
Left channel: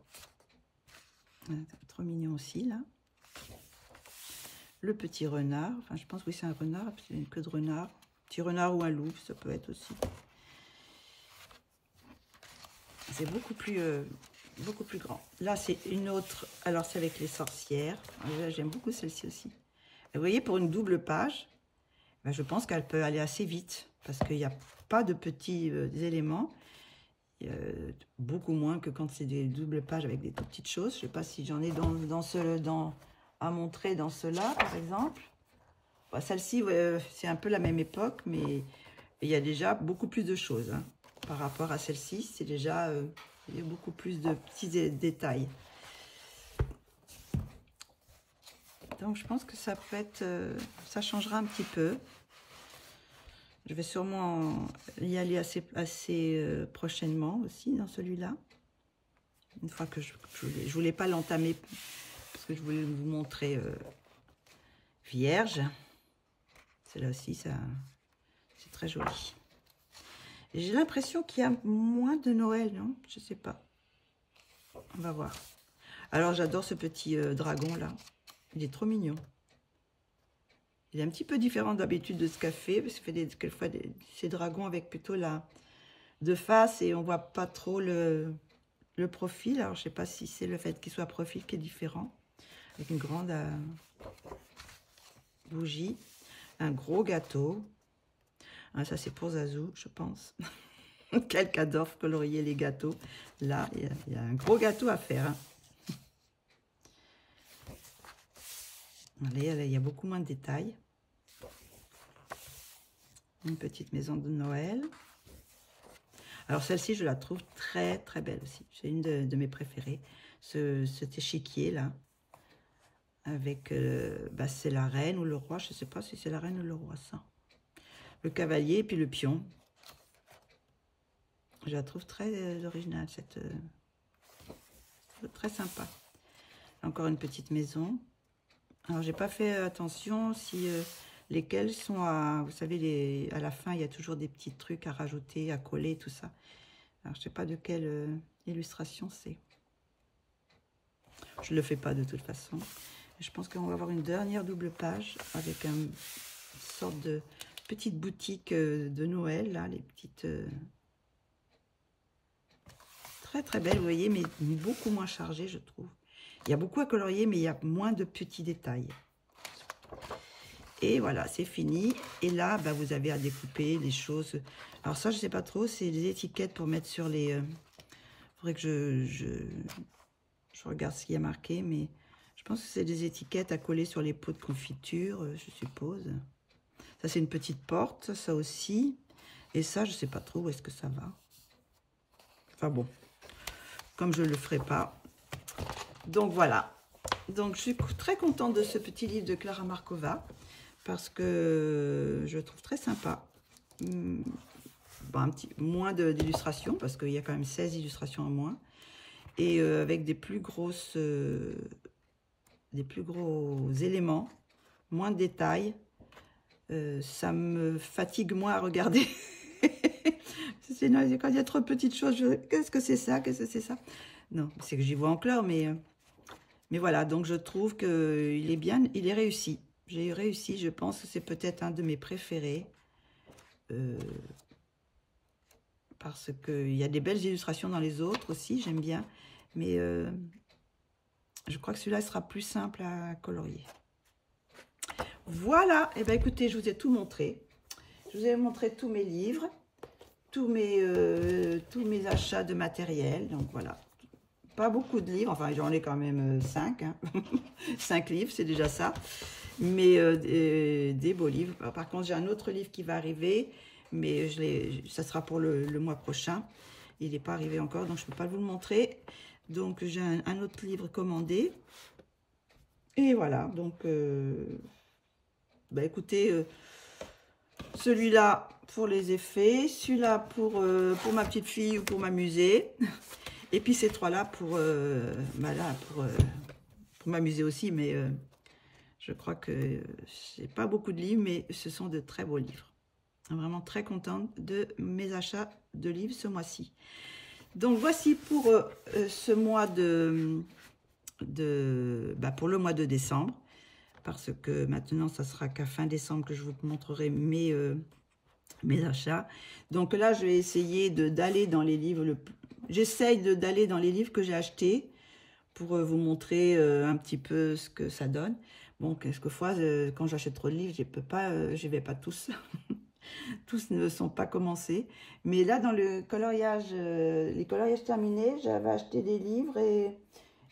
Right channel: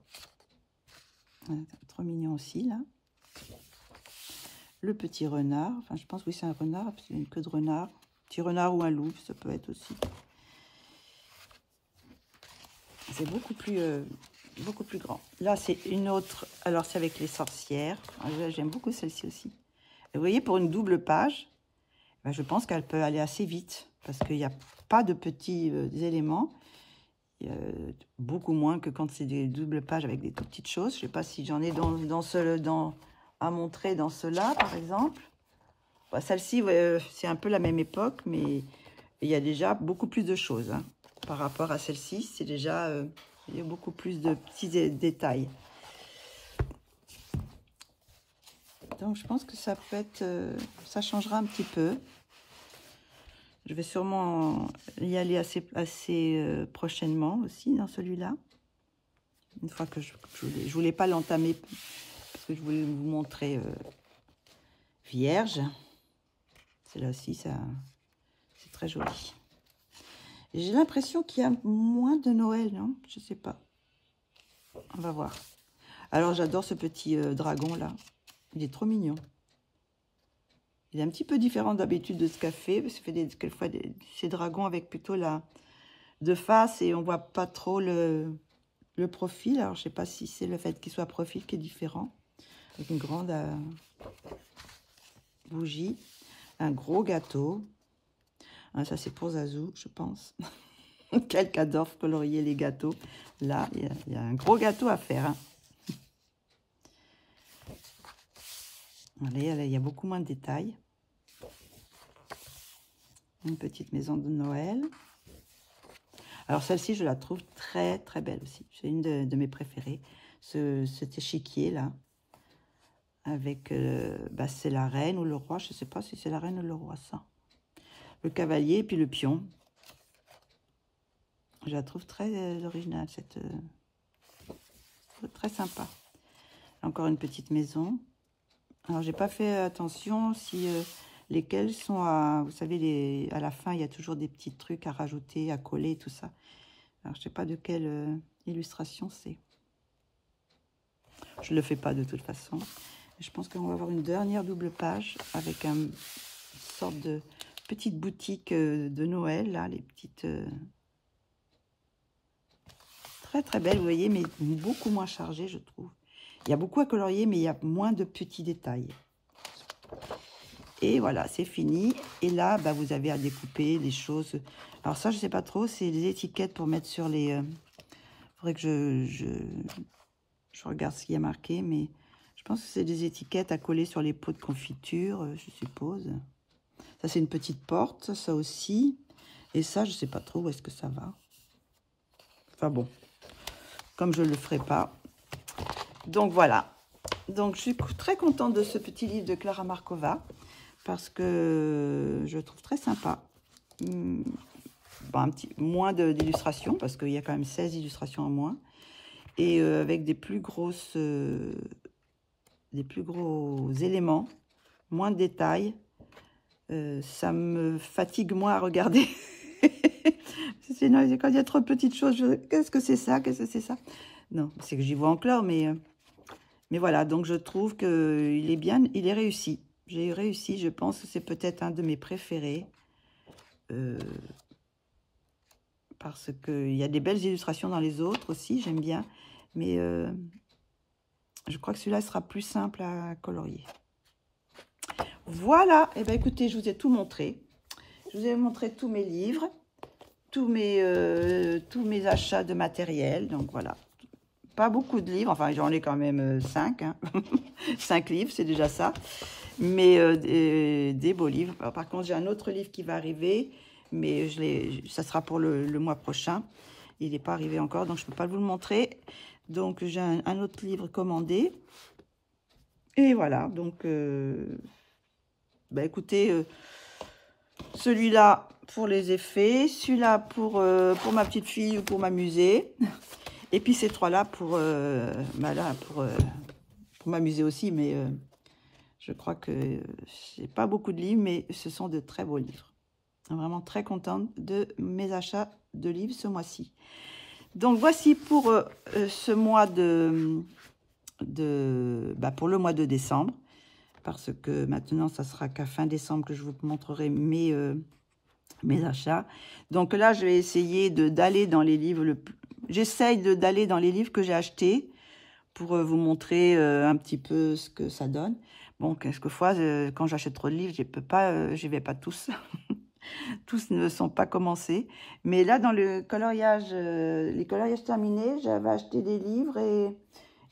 Trop mignon aussi, là. Le petit renard, enfin je pense que oui, c'est un renard, c'est une queue de renard. Petit renard ou un loup, ça peut être aussi. C'est beaucoup plus grand. Là, c'est une autre. Alors, c'est avec les sorcières. J'aime beaucoup celle-ci aussi. Et vous voyez, pour une double page, ben, je pense qu'elle peut aller assez vite. Parce qu'il n'y a pas de petits éléments. Beaucoup moins que quand c'est des doubles pages avec des toutes petites choses. Je ne sais pas si j'en ai à montrer dans cela, par exemple. Bon, celle-ci, c'est un peu la même époque, mais il y a déjà beaucoup plus de choses. Hein. Par rapport à celle-ci, c'est déjà il y a beaucoup plus de petits détails. Donc, je pense que ça peut être, ça changera un petit peu. Je vais sûrement y aller assez prochainement aussi dans celui-là. Une fois que je voulais pas l'entamer parce que je voulais vous montrer vierge. Celle-là aussi, c'est très joli. J'ai l'impression qu'il y a moins de Noël, non? Je sais pas. On va voir. Alors, j'adore ce petit dragon, là. Il est trop mignon. Il est un petit peu différent d'habitude de ce qu'a fait, parce qu'il fait quelquefois ces dragons avec plutôt de face, et on voit pas trop le profil. Alors, je sais pas si c'est le fait qu'il soit profil qui est différent. Avec une grande bougie. Un gros gâteau. Ah, ça, c'est pour Zazou, je pense. Quelqu'un adore colorier les gâteaux. Là, il y a un gros gâteau à faire. Hein. Allez, il y a beaucoup moins de détails. Une petite maison de Noël. Alors, celle-ci, je la trouve très, très belle aussi. C'est une de mes préférées. Cet échiquier, là. Avec, c'est la reine ou le roi. Je ne sais pas si c'est la reine ou le roi, ça. Le cavalier et puis le pion. Je la trouve très originale, très sympa. Encore une petite maison. Alors, j'ai pas fait attention si lesquelles sont à... Vous savez, à la fin, il y a toujours des petits trucs à rajouter, à coller, tout ça. Alors, je sais pas de quelle illustration c'est. Je le fais pas de toute façon. Je pense qu'on va avoir une dernière double page avec une sorte de petite boutique de Noël, là, les petites... Très, très belle, vous voyez, mais beaucoup moins chargée, je trouve. Il y a beaucoup à colorier, mais il y a moins de petits détails. Et voilà, c'est fini. Et là, vous avez à découper des choses. Alors ça, je ne sais pas trop, c'est des étiquettes pour mettre sur les... Il faudrait que je regarde ce qui est marqué, mais je pense que c'est des étiquettes à coller sur les pots de confiture, je suppose. Ça, c'est une petite porte, ça aussi. Et ça, je ne sais pas trop où est-ce que ça va. Enfin bon, comme je ne le ferai pas. Donc voilà. Donc je suis très contente de ce petit livre de Klara Markova parce que je le trouve très sympa. bon, un petit moins d'illustrations, parce qu'il y a quand même 16 illustrations en moins. Et avec des plus gros éléments, moins de détails. Ça me fatigue moins à regarder. Quand il y a trop de petites choses, qu'est-ce que c'est ça? Qu'est-ce que c'est ça? Non, c'est que j'y vois en clair, mais voilà. Donc, je trouve qu'il est bien, il est réussi. J'ai réussi, je pense que c'est peut-être un de mes préférés. Parce qu'il y a des belles illustrations dans les autres aussi, j'aime bien. Mais je crois que celui-là sera plus simple à colorier. Voilà, et bien écoutez, je vous ai tout montré. Je vous ai montré tous mes livres, tous mes achats de matériel. Donc voilà, pas beaucoup de livres, enfin j'en ai quand même 5. Hein. 5 livres, c'est déjà ça. Mais des beaux livres. Alors, par contre, j'ai un autre livre qui va arriver, mais ça sera pour le mois prochain. Il n'est pas arrivé encore, donc je ne peux pas vous le montrer. Donc j'ai un autre livre commandé. Et voilà, donc... bah écoutez, celui-là pour les effets, celui-là pour ma petite fille ou pour m'amuser, et puis ces trois-là pour m'amuser aussi, mais je crois que c'est pas beaucoup de livres, mais ce sont de très beaux livres. Vraiment très contente de mes achats de livres ce mois-ci. Donc voici pour ce mois pour le mois de décembre. Parce que maintenant, ça sera qu'à fin décembre que je vous montrerai mes achats. Donc là, je vais essayer d'aller dans les livres. J'essaye d'aller dans les livres que j'ai achetés pour vous montrer un petit peu ce que ça donne. Bon, quelquefois, quand j'achète trop de livres, je vais pas tous. Tous ne sont pas commencés. Mais là, dans le coloriage, les coloriages terminés, j'avais acheté des livres et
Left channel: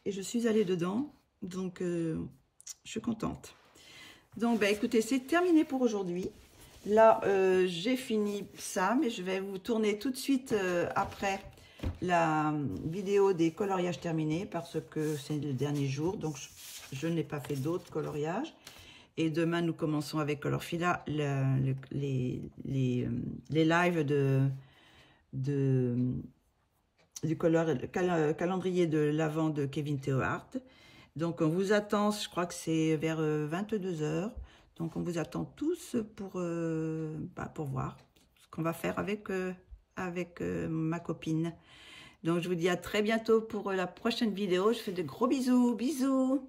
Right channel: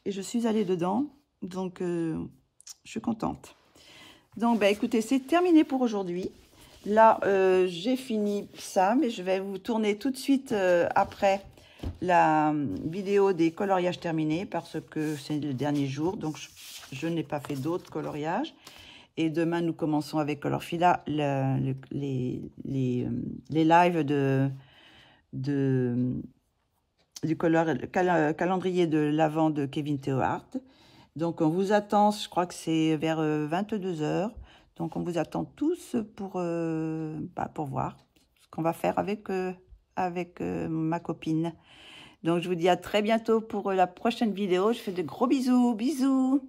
je suis allée dedans. Donc... je suis contente. Donc, bah, écoutez, c'est terminé pour aujourd'hui. Là, j'ai fini ça, mais je vais vous tourner tout de suite après la vidéo des coloriages terminés parce que c'est le dernier jour. Donc, je n'ai pas fait d'autres coloriages. Et demain, nous commençons avec Colorfila les lives du calendrier de l'Avent de Kevin Theohart. Donc, on vous attend, je crois que c'est vers 22 h. Donc, on vous attend tous pour voir ce qu'on va faire avec ma copine. Donc, je vous dis à très bientôt pour la prochaine vidéo. Je fais de gros bisous. Bisous!